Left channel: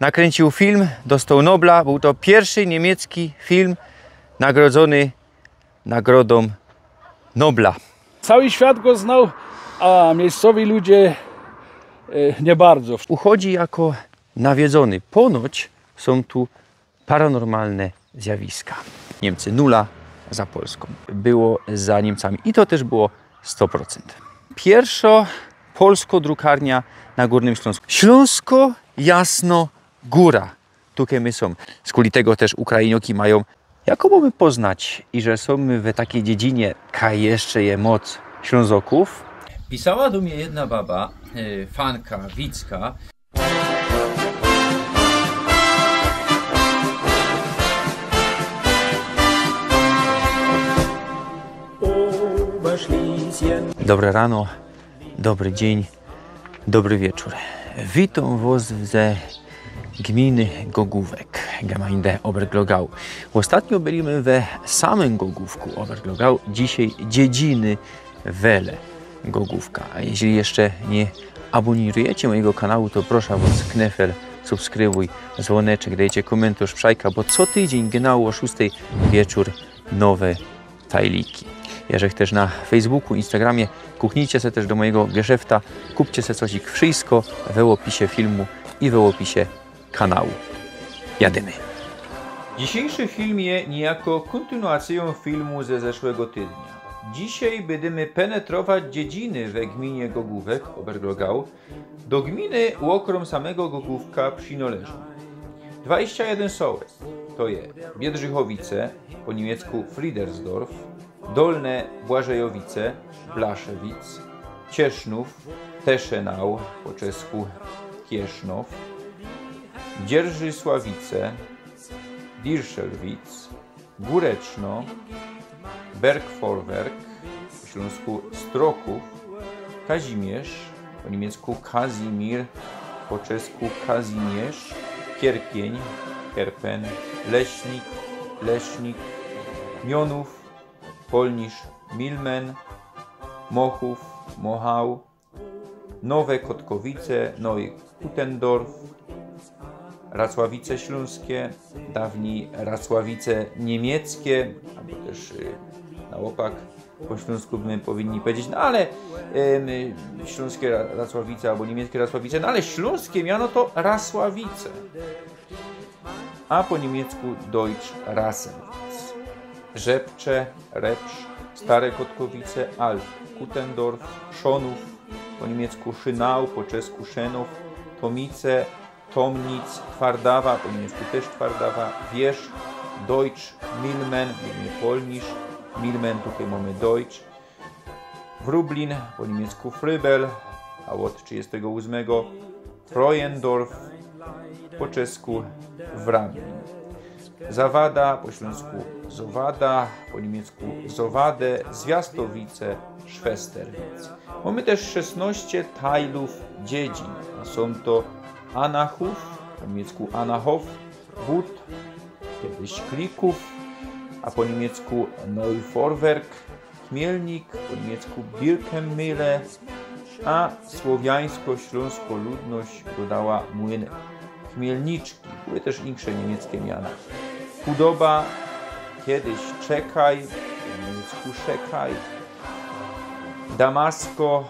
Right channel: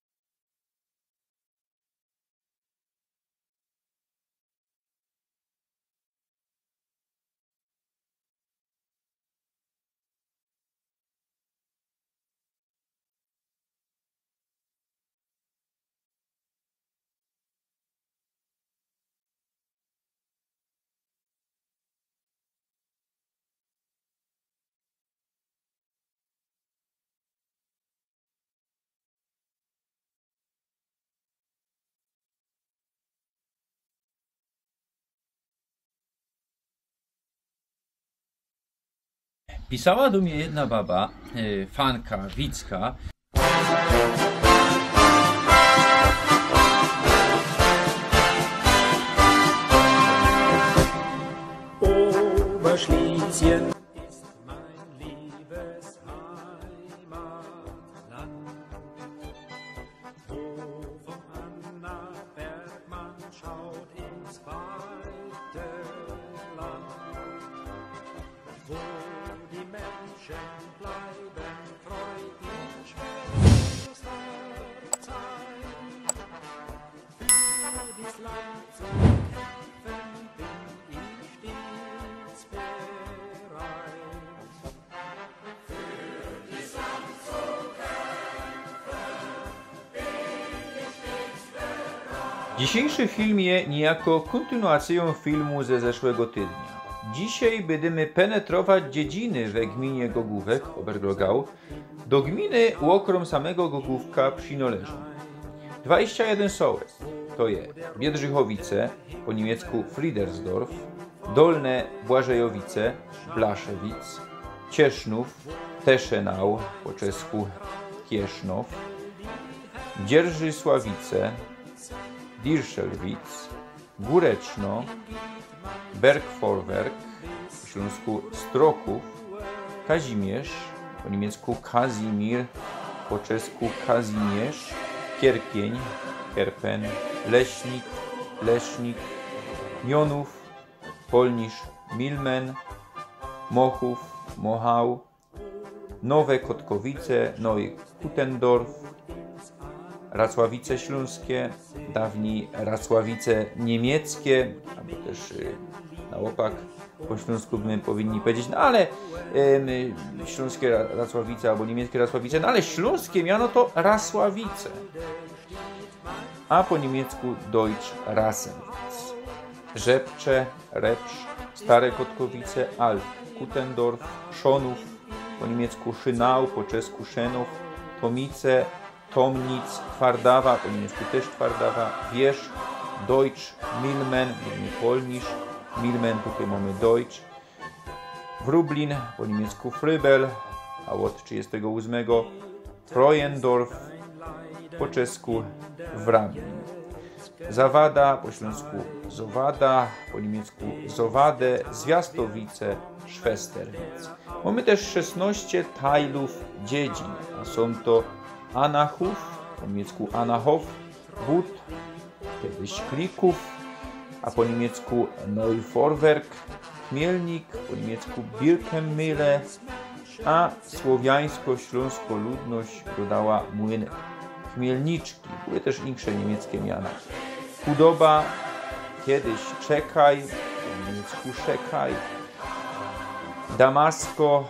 Nakręcił film, dostał Nobla. Był to pierwszy niemiecki film nagrodzony nagrodą Nobla. Cały świat go znał, a miejscowi ludzie nie bardzo. Uchodzi jako nawiedzony. Ponoć są tu paranormalne zjawiska. Niemcy 0 za Polską. Było za Niemcami i to też było 100%. Pierwsza polsko-drukarnia na Górnym Śląsku. Śląsko Jasno Góra. Tutaj my są. Z kuli tego też Ukrainioki mają. Jak mamy poznać, i że są my w takiej dziedzinie, ka jeszcze je moc Ślązoków? Pisała do mnie jedna baba, fanka, widzka. Dobre rano, dobry dzień, dobry wieczór. Witam Was ze gminy Gogówek, Gemeinde Oberglogau. Ostatnio byliśmy we samym Gogówku Oberglogau, dzisiaj dziedziny Wele Gogówka. A jeśli jeszcze nie abonujecie mojego kanału, to proszę Was, knefel, subskrybuj, dzwoneczek, dajcie komentarz, przajka, bo co tydzień genau o 6 wieczór nowe tajliki. Jeżeli też na Facebooku, Instagramie, kuchnijcie się też do mojego geszefta, kupcie sobie coś ich wszystko w opisie filmu i w opisie kanału. Jadymy. Dzisiejszy film jest niejako kontynuacją filmu ze zeszłego tygodnia. Dzisiaj będziemy penetrować dziedziny we gminie Gogówek, Oberglogau, do gminy okrom samego Gogówka przynależą 21 sołec, to jest Biedrzychowice, po niemiecku Friedersdorf, Dolne Błażejowice, Blaszewic, Ciesznów, Teschenau, po czesku Kiesznow, Dzierżysławice, Dirszelwic, Góreczno, Bergforwerk, po śląsku Stroków, Kazimierz, po niemiecku Kazimir, po czesku Kazimierz, Kierpień, Kerpen, Leśnik, Lesznik, Mionów, Polnisz, Milmen, Mochów, Mochał, Nowe Kotkowice, Neue Kutendorf, Racławice Śląskie, dawniej Racławice Niemieckie, albo też na opak po śląsku my powinni powiedzieć, no ale śląskie Racławice albo niemieckie Racławice, no ale śląskie miano to Rasławice, a po niemiecku Deutsch Rassenwitz. Rzepcze, Repsz, Stare Kotkowice, Alt Kutendorf, Szonów, po niemiecku Szynau, po czesku Szenów, Tomice, Tomnic, Twardawa, po niemiecku też Twardawa, Wierzch, Deutsch, Milmen, Polnisz, Milmen, tutaj mamy Deutsch, Wrublin, po niemiecku Frybel, a od 38 Freuendorf, po czesku Wrablin. Zawada, po śląsku Zowada, po niemiecku Zowade, Zwiastowice, Szwesterwic. Mamy też 16 tajlów dziedzin, a są to Anachów, po niemiecku Anachow, Wód, kiedyś Klików, a po niemiecku Neuforwerk, Chmielnik, po niemiecku Birkenmühle, a słowiańsko-śląsko ludność dodała młyn Chmielniczki. Były też inne niemieckie miana. Chudoba, kiedyś Czekaj, po niemiecku Szekaj, Damasko,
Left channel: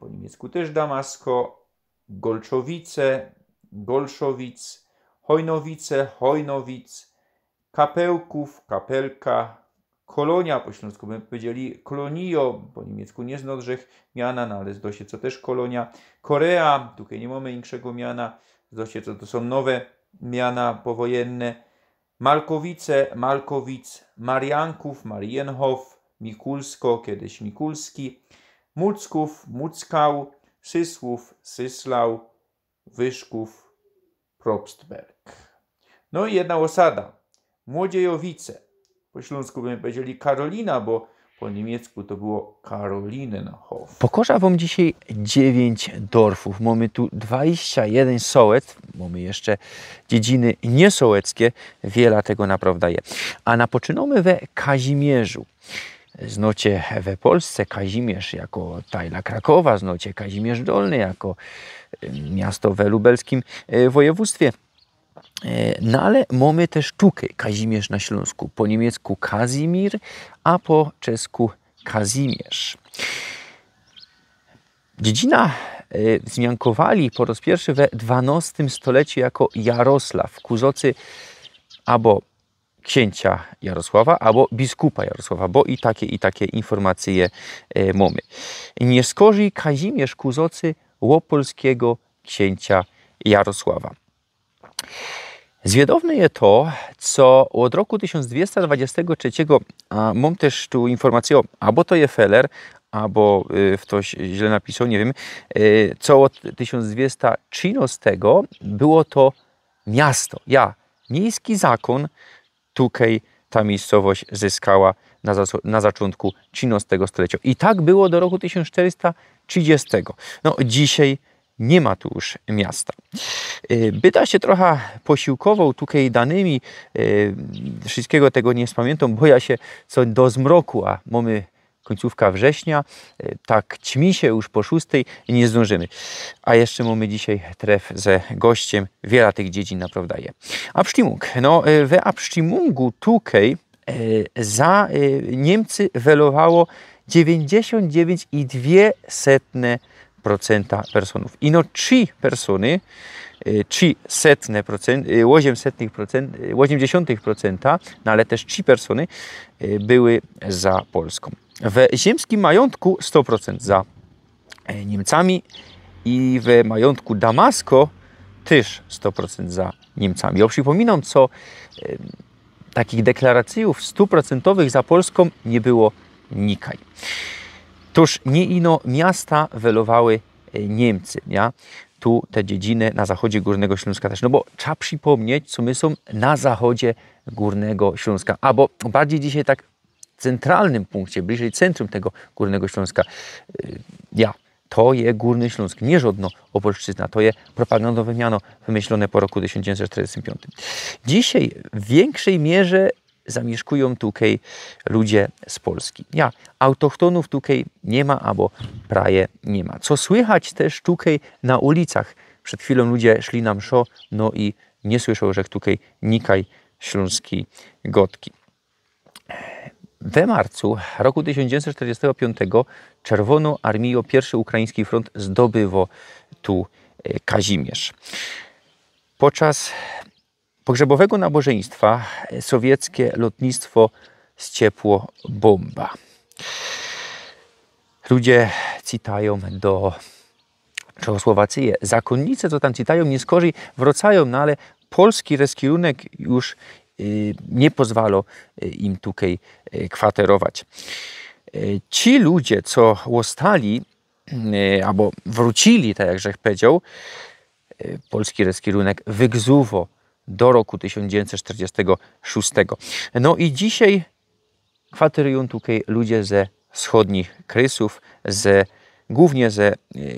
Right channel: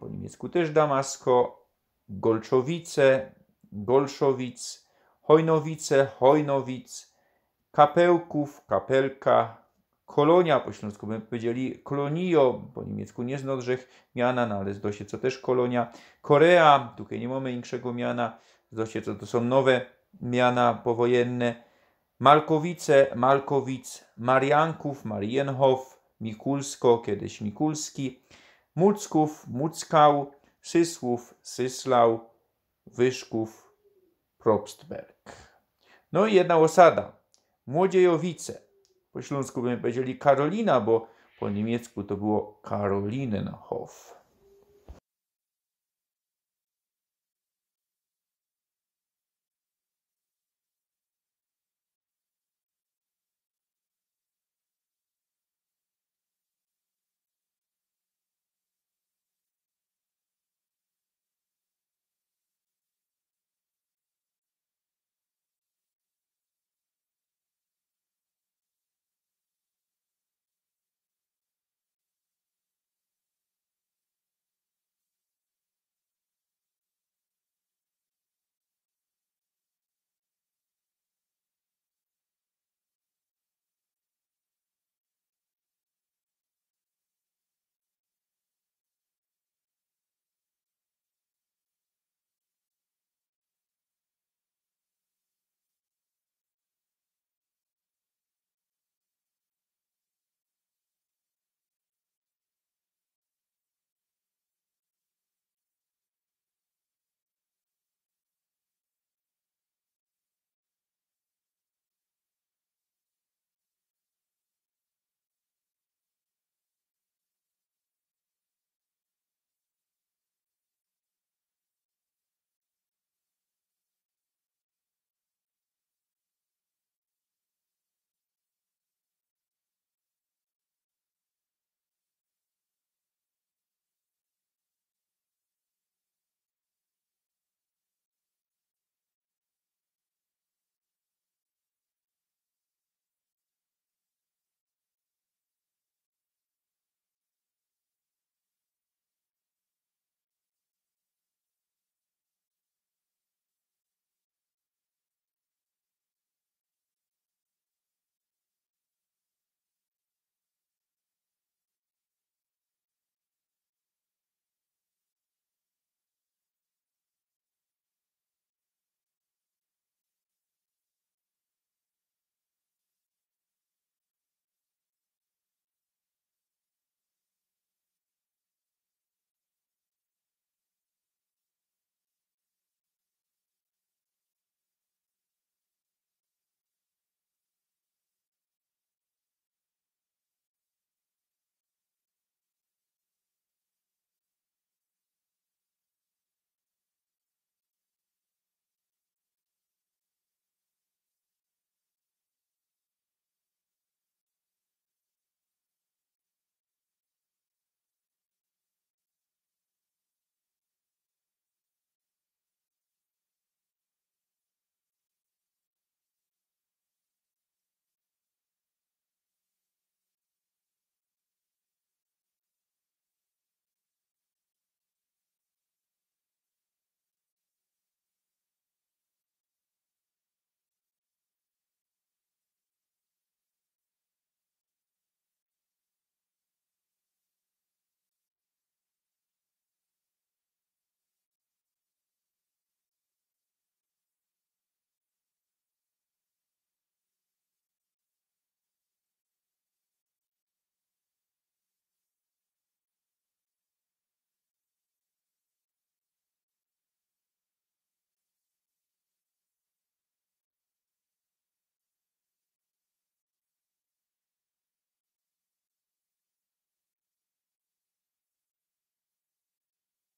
po niemiecku też Damasko, Golczowice, Golszowic, Hojnowice, Hojnowic, Kapełków, Kapelka, Kolonia, po śląsku bym powiedzieli Kolonio, po niemiecku nie znodrzech miana, no ale zdosie co też Kolonia, Korea, tutaj nie mamy innego miana, zdosie co to są nowe miana powojenne, Malkowice, Malkowic, Marianków, Marienhof, Mikulsko, kiedyś Mikulski, Mucków, Muckał, Sysłów, Syslau, Wyszków, Probstberg. No i jedna osada, Młodziejowice. Po śląsku bym powiedzieli Karolina, bo po niemiecku to było Karolinenhof. Pokorza wam dzisiaj 9 dorfów. Mamy tu 21 sołec. Mamy jeszcze dziedziny niesołeckie. Wiele tego naprawdę jest. A napoczynamy we Kazimierzu. znocie we Polsce Kazimierz jako tajla Krakowa, znocie Kazimierz Dolny jako miasto we lubelskim województwie. No ale mamy też tutaj Kazimierz na Śląsku, po niemiecku Kazimir, a po czesku Kazimierz. Dziedzina zmiankowali po raz pierwszy we XII stuleciu jako Jarosław, kuzocy albo księcia Jarosława, albo biskupa Jarosława, bo i takie informacje mamy. Nie skorzy Kazimierz kuzocy łopolskiego księcia Jarosława. Zwiadowne jest to, co od roku 1223, a mam też tu informację, albo to jest Feller, albo ktoś źle napisał, nie wiem, co od 1213 było to miasto. Miejski zakon, tutaj ta miejscowość zyskała na zaczątku XIII stulecia. I tak było do roku 1430. No, dzisiaj nie ma tu już miasta. Byda się trochę posiłkował tutaj danymi, wszystkiego tego nie spamiętam, bo ja się co do zmroku, a mamy końcówka września, tak ćmi się już po 6 i nie zdążymy. A jeszcze mamy dzisiaj tref ze gościem, wiele tych dziedzin naprawdę je. Abstimmung. No, we Abstimmungu tutaj za Niemcy welowało 99,2% personów. Ino 3 persony, 0,8%, no ale też 3 persony były za Polską. W ziemskim majątku 100% za Niemcami i w majątku Damasko też 100% za Niemcami. Ja przypominam, co takich deklaracji 100% za Polską nie było nikaj. Toż nie ino miasta welowały Niemcy, ja? Tu te dziedziny na zachodzie Górnego Śląska też, no bo trzeba przypomnieć, co my są na zachodzie Górnego Śląska, albo bardziej dzisiaj tak w centralnym punkcie, bliżej centrum tego Górnego Śląska. To jest Górny Śląsk, nie żadno Opolszczyzna, to jest propagandowe miano wymyślone po roku 1945. Dzisiaj w większej mierze zamieszkują tutaj ludzie z Polski. Autochtonów tutaj nie ma, albo prawie nie ma. Co słychać też tutaj na ulicach. Przed chwilą ludzie szli na mszo, no i nie słyszą, że tutaj nikaj śląski gotki. We marcu roku 1945 Czerwoną Armią I Ukraiński Front zdobyło tu Kazimierz. Podczas pogrzebowego nabożeństwa sowieckie lotnictwo zciepło bomba. Ludzie cytają do Czechosłowacji. Zakonnice, co tam cytają, nie skorzy wracają, no ale polski kierunek już nie pozwala im tutaj kwaterować. Ci ludzie, co ostali, albo wrócili, tak jak Żech powiedział, polski kierunek wygzuwo do roku 1946. No i dzisiaj kwaterują tutaj ludzie ze wschodnich Krysów, głównie ze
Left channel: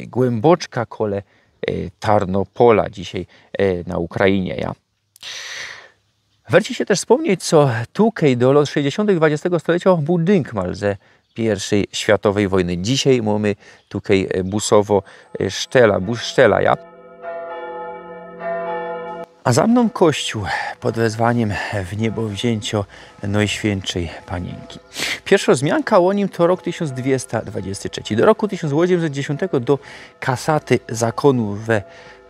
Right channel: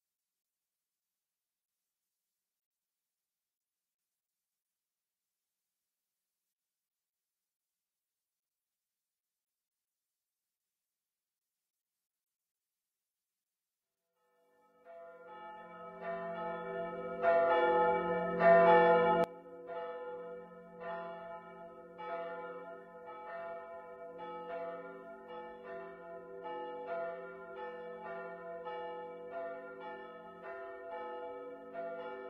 Głęboczka kole Tarnopola, dzisiaj na Ukrainie. Warto się też wspomnieć, co tutaj do lat 60. XX stulecia był Dynkmal ze I światowej wojny. Dzisiaj mamy tutaj busowo bus Szczela. A za mną kościół pod wezwaniem w niebowzięcio Najświętszej Panienki. Pierwsza wzmianka o nim to rok 1223. Do roku 1810 do kasaty zakonu we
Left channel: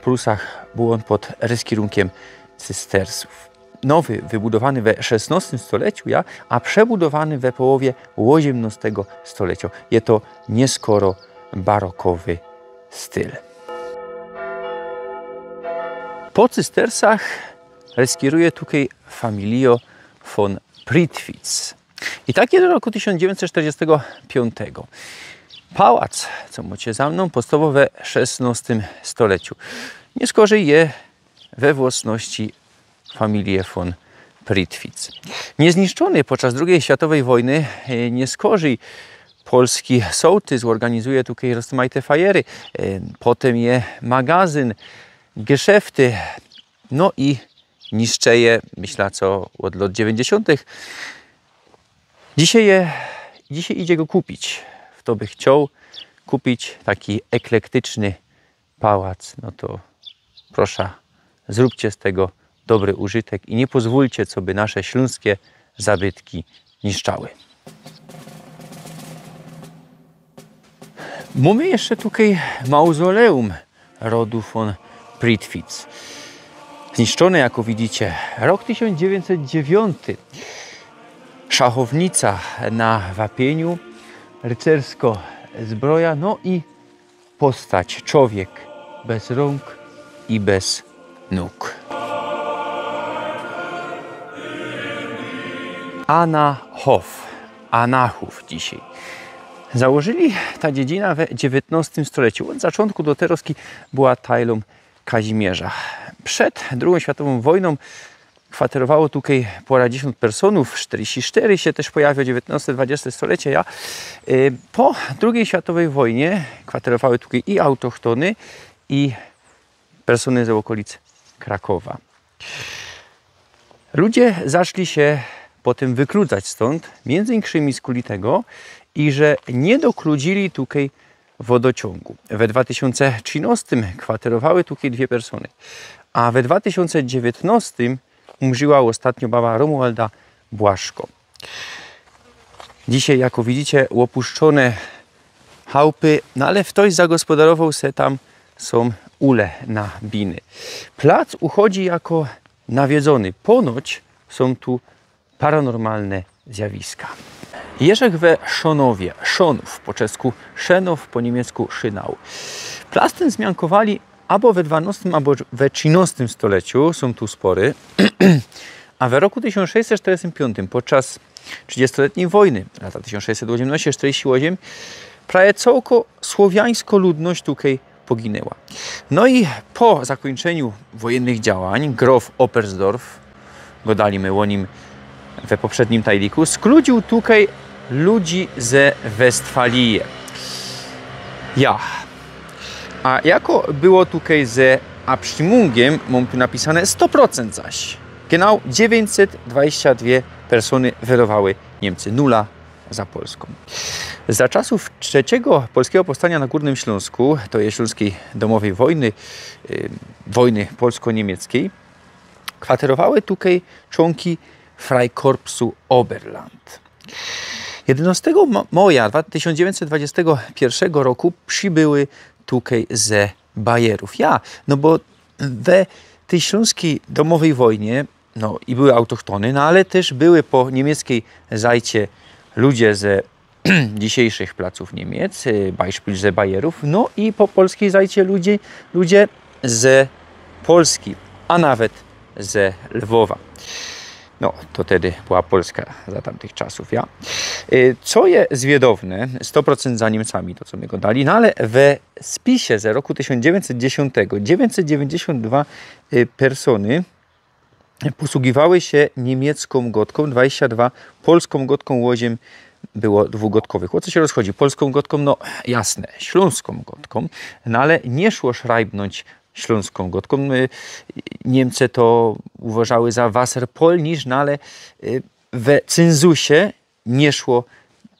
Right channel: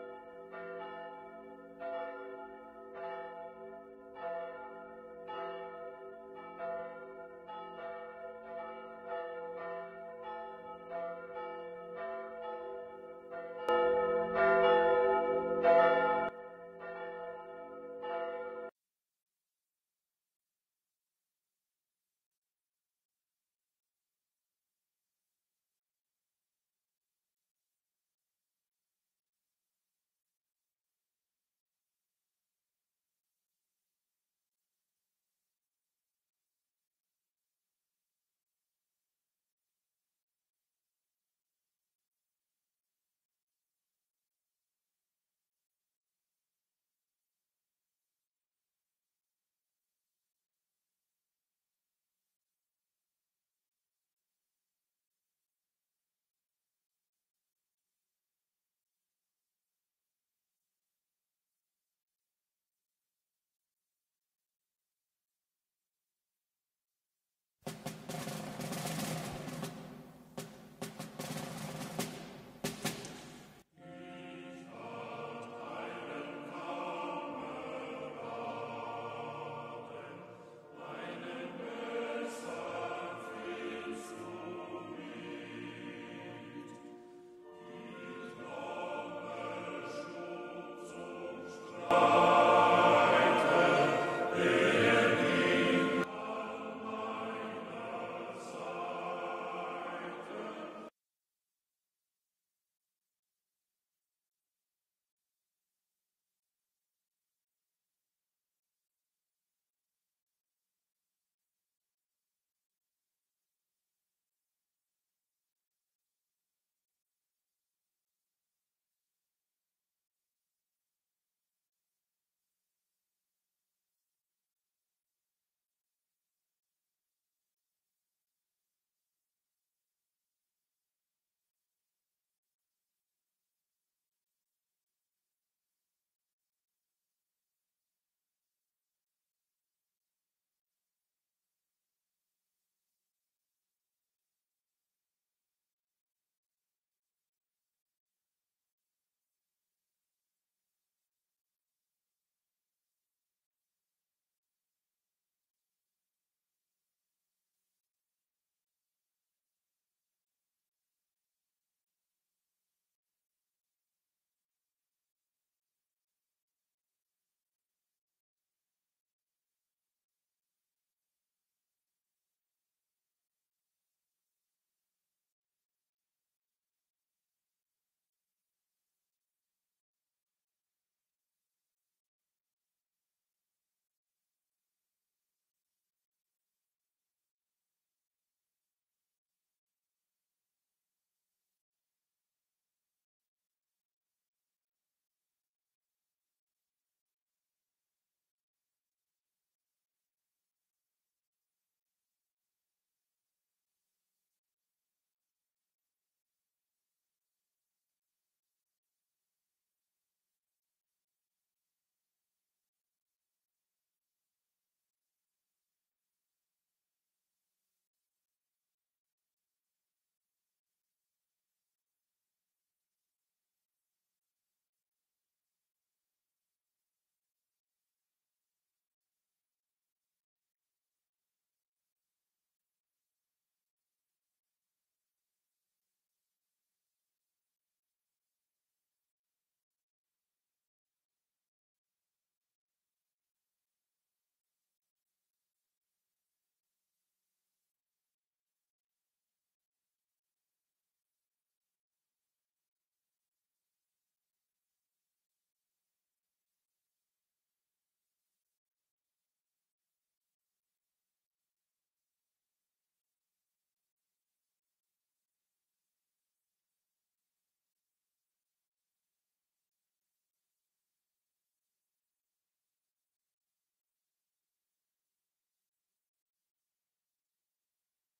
Prusach był on pod kierunkiem cystersów. Nowy, wybudowany we XVI stuleciu, a przebudowany we połowie XVIII stulecia. Jest to nieskoro barokowy styl. Po cystersach skieruje tutaj familio von Prittwitz. I tak jest do roku 1945. Pałac, co macie za mną, powstawał we XVI stuleciu. Nie skorzej je we własności familii von Prittwitz. Niezniszczony podczas II światowej wojny, nie skorzej polski sołtys organizuje tutaj rozmaite fajery. Potem je magazyn, geszefty, no i niszczeje, myślę, co od lat 90. Dzisiaj je dzisiaj idzie go kupić. Kto by chciał kupić taki eklektyczny pałac, no to proszę, zróbcie z tego dobry użytek i nie pozwólcie, co by nasze śląskie zabytki niszczały. Mamy jeszcze tutaj mauzoleum rodu von Prittwitz. Zniszczone, jak widzicie, rok 1909. Szachownica na wapieniu, rycersko zbroja, no i postać, człowiek bez rąk i bez nóg. Anachów dzisiaj. Założyli ta dziedzina w XIX stuleciu. Od zaczątku do Teroski była tajlą Kazimierza. Przed II światową wojną kwaterowało tutaj ponad 10 personów, 44 się też pojawiło, XIX-XX stulecie. Po II światowej wojnie kwaterowały tutaj i autochtony, i persony z okolic Krakowa. Ludzie zaczęli się potem wykludzać stąd, między innymi z kuli tego, i że nie dokludzili tutaj wodociągu. We 2013 kwaterowały tutaj 2 persony, a we 2019 umrzyła ostatnio baba Romualda Błaszko. Dzisiaj, jak widzicie, opuszczone chałupy, no ale ktoś zagospodarował se tam, są ule na biny. Plac uchodzi jako nawiedzony. Ponoć są tu paranormalne zjawiska. Jerzek we Szonowie, Szonów, po czesku Szenow, po niemiecku Szynał. Plac ten zmiankowali albo we XII, albo we XIII stuleciu, są tu spory, a w roku 1645, podczas 30-letniej wojny, lata 1618-48, prawie całko słowiańsko ludność tutaj poginęła. No i po zakończeniu wojennych działań grof Oppersdorf, godaliśmy o nim we poprzednim tajliku, skludził tutaj ludzi ze Westfalii. A jako było tutaj ze Abstimmungiem, mam tu napisane 100% zaś. Genau 922 persony wyrowały Niemcy, 0 za Polską. Za czasów trzeciego polskiego powstania na Górnym Śląsku, to jest Śląskiej Domowej Wojny, wojny polsko-niemieckiej, kwaterowały tutaj członki Freikorpsu Oberland. 11 maja 1921 roku przybyły tutaj ze Bajerów. No bo we tej Śląskiej Domowej Wojnie no i były autochtony, no ale też były po niemieckiej zajcie ludzie ze dzisiejszych placów Niemiec, Beispiel ze Bajerów, no i po polskiej zajcie ludzie ze Polski, a nawet ze Lwowa. No, to wtedy była Polska za tamtych czasów, Co jest zwiedowne, 100% za Niemcami, to co my go dali, no ale we spisie z roku 1910 992 persony posługiwały się niemiecką gotką, 22 polską gotką, łoziem było dwugotkowych. O co się rozchodzi? Polską gotką, no jasne, śląską gotką, no ale nie szło szrajbnąć śląską gotką. Niemcy to uważały za Wasserpolnisch, no ale we cenzusie nie szło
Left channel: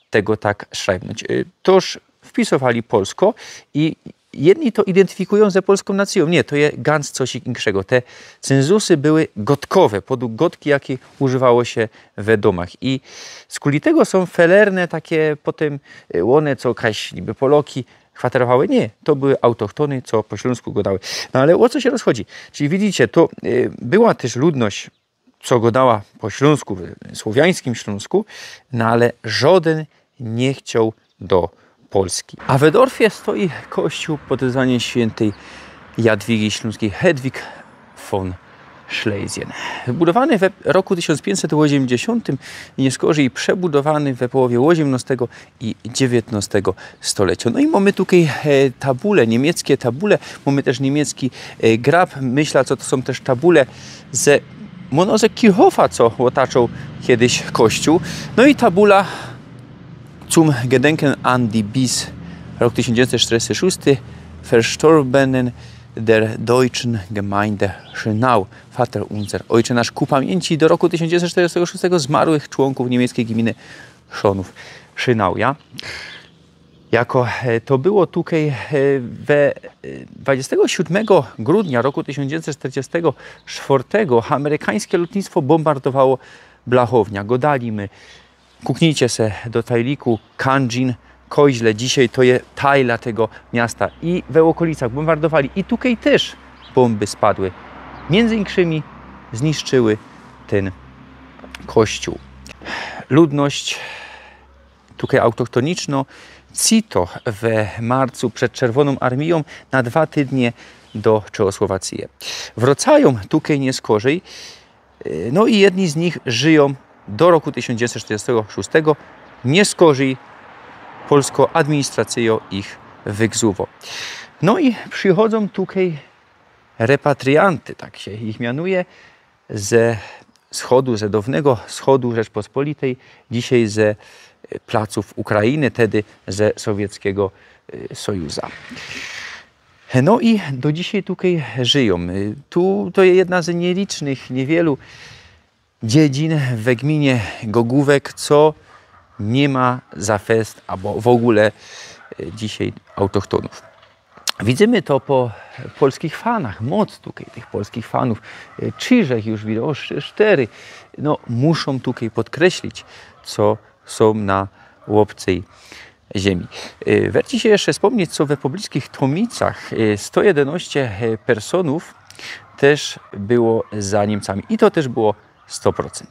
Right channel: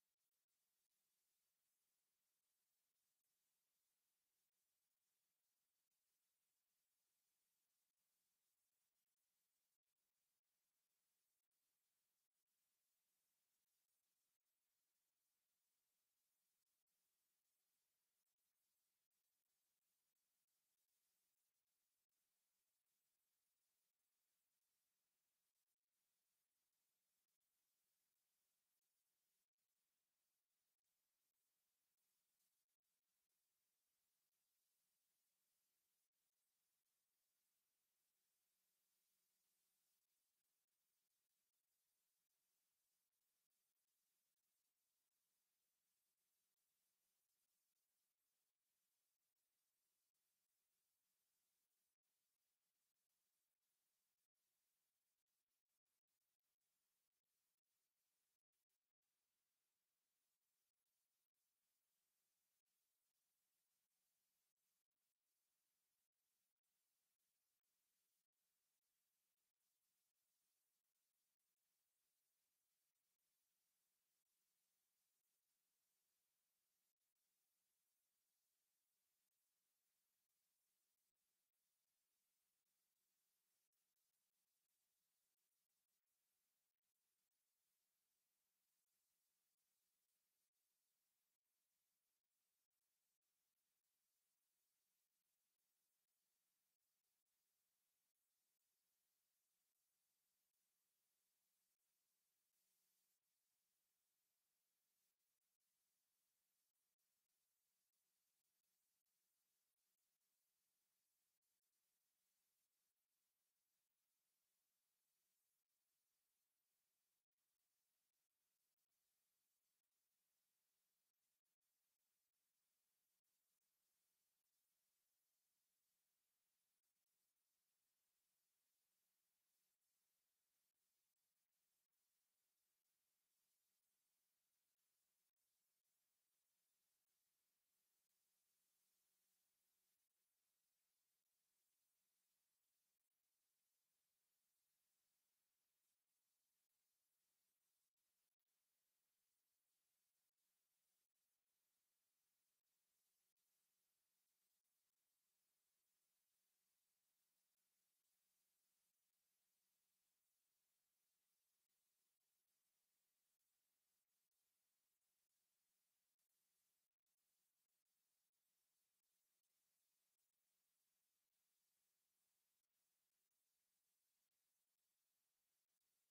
tego tak szrajbnąć. Toż wpisowali polsko i jedni to identyfikują ze polską nacją. Nie, to jest ganz coś innego. Te cenzusy były gotkowe, podług gotki, jakie używało się we domach. I z kuli tego są felerne takie potem one, co jakaś niby Poloki kwaterowały. Nie, to były autochtony, co po śląsku godały. No ale o co się rozchodzi? Czyli widzicie, to była też ludność, co godała po śląsku, słowiańskim Śląsku, no ale żaden nie chciał do Polski. A w Dorfie stoi kościół pod wezwaniem świętej Jadwigi Śląskiej Hedwig von Schlesien. Wybudowany w roku 1580 i nieskorzy przebudowany w połowie XVIII i XIX stulecia. No i mamy tutaj tabule, niemieckie tabule, mamy też niemiecki grab. Myślę, co to są też tabule ze Monoze Kirchhoffa, co otaczał kiedyś kościół. No i tabula zum Gedenken an die bis rok 1946 verstorbenen der deutschen Gemeinde Schönau, Vater unser, Ojcze nasz, ku pamięci do roku 1946 zmarłych członków niemieckiej gminy Szonów. Szynauja. Jako to było tutaj 27 grudnia roku 1944 amerykańskie lotnictwo bombardowało Blachownia. Godalimy, kuknijcie se do Tajliku, Kanjin, Koźle, dzisiaj to jest tajla tego miasta i w okolicach bombardowali i tutaj też bomby spadły. Między innymi zniszczyły ten kościół. Ludność tutaj autochtoniczna Cito w marcu przed Czerwoną Armią na 2 tygodnie do Czechosłowacji. Wracają tutaj nie skorzej, no i jedni z nich żyją do roku 1946, nie skorzej polską administracją ich wygzuwo. No i przychodzą tutaj repatrianty, tak się ich mianuje, ze wschodu, ze dawnego wschodu Rzeczpospolitej, dzisiaj ze placów Ukrainy, wtedy ze Sowieckiego Sojusza. No i do dzisiaj tutaj żyją. To jest jedna z nielicznych, niewielu dziedzin w gminie Gogówek, co nie ma za fest, albo w ogóle dzisiaj autochtonów. Widzimy to po polskich fanach, moc tutaj tych polskich fanów. 3 już widać, 4, no muszą tutaj podkreślić, co są na łopcej ziemi. Warto się jeszcze wspomnieć, co we pobliskich Tomicach 111 personów też było za Niemcami i to też było 100%.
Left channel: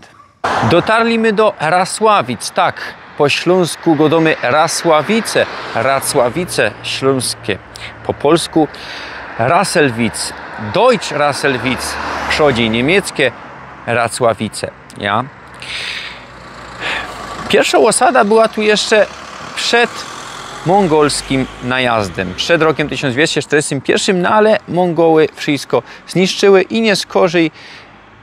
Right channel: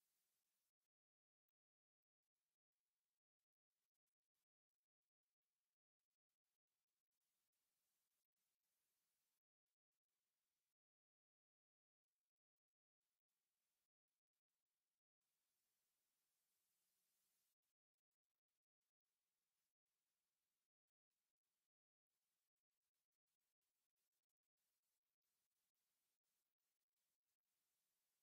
Dotarliśmy do Rasławic, tak, po śląsku go domy Rasławice, Racławice śląskie, po polsku Rasselwitz, Deutsch Rasselwitz, przodzie niemieckie Racławice, ja. Pierwsza osada była tu jeszcze przed mongolskim najazdem, przed rokiem 1241, no ale Mongoły wszystko zniszczyły i nie skorzej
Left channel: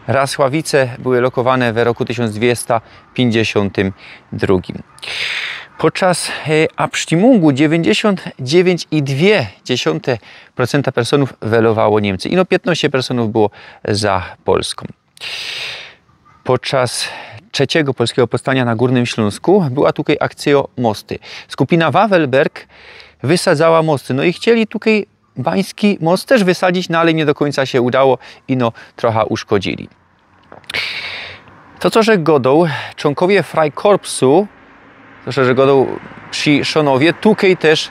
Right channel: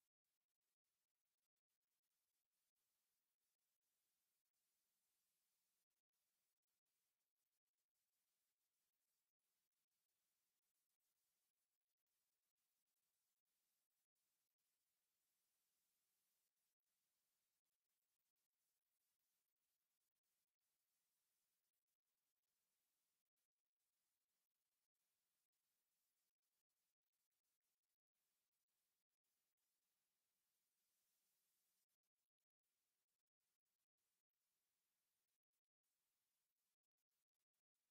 Rasławice były lokowane w roku 1252. Podczas abstimungu 99,2% personów welowało Niemcy i no 15% było za Polską. Podczas trzeciego polskiego powstania na Górnym Śląsku była tutaj akcja mosty. Skupina Wawelberg wysadzała mosty. No i chcieli tutaj Bański most też wysadzić, no ale nie do końca się udało i no trochę uszkodzili. To, co że godą, członkowie Freikorpsu, to, że godą przy Szonowie, tutaj też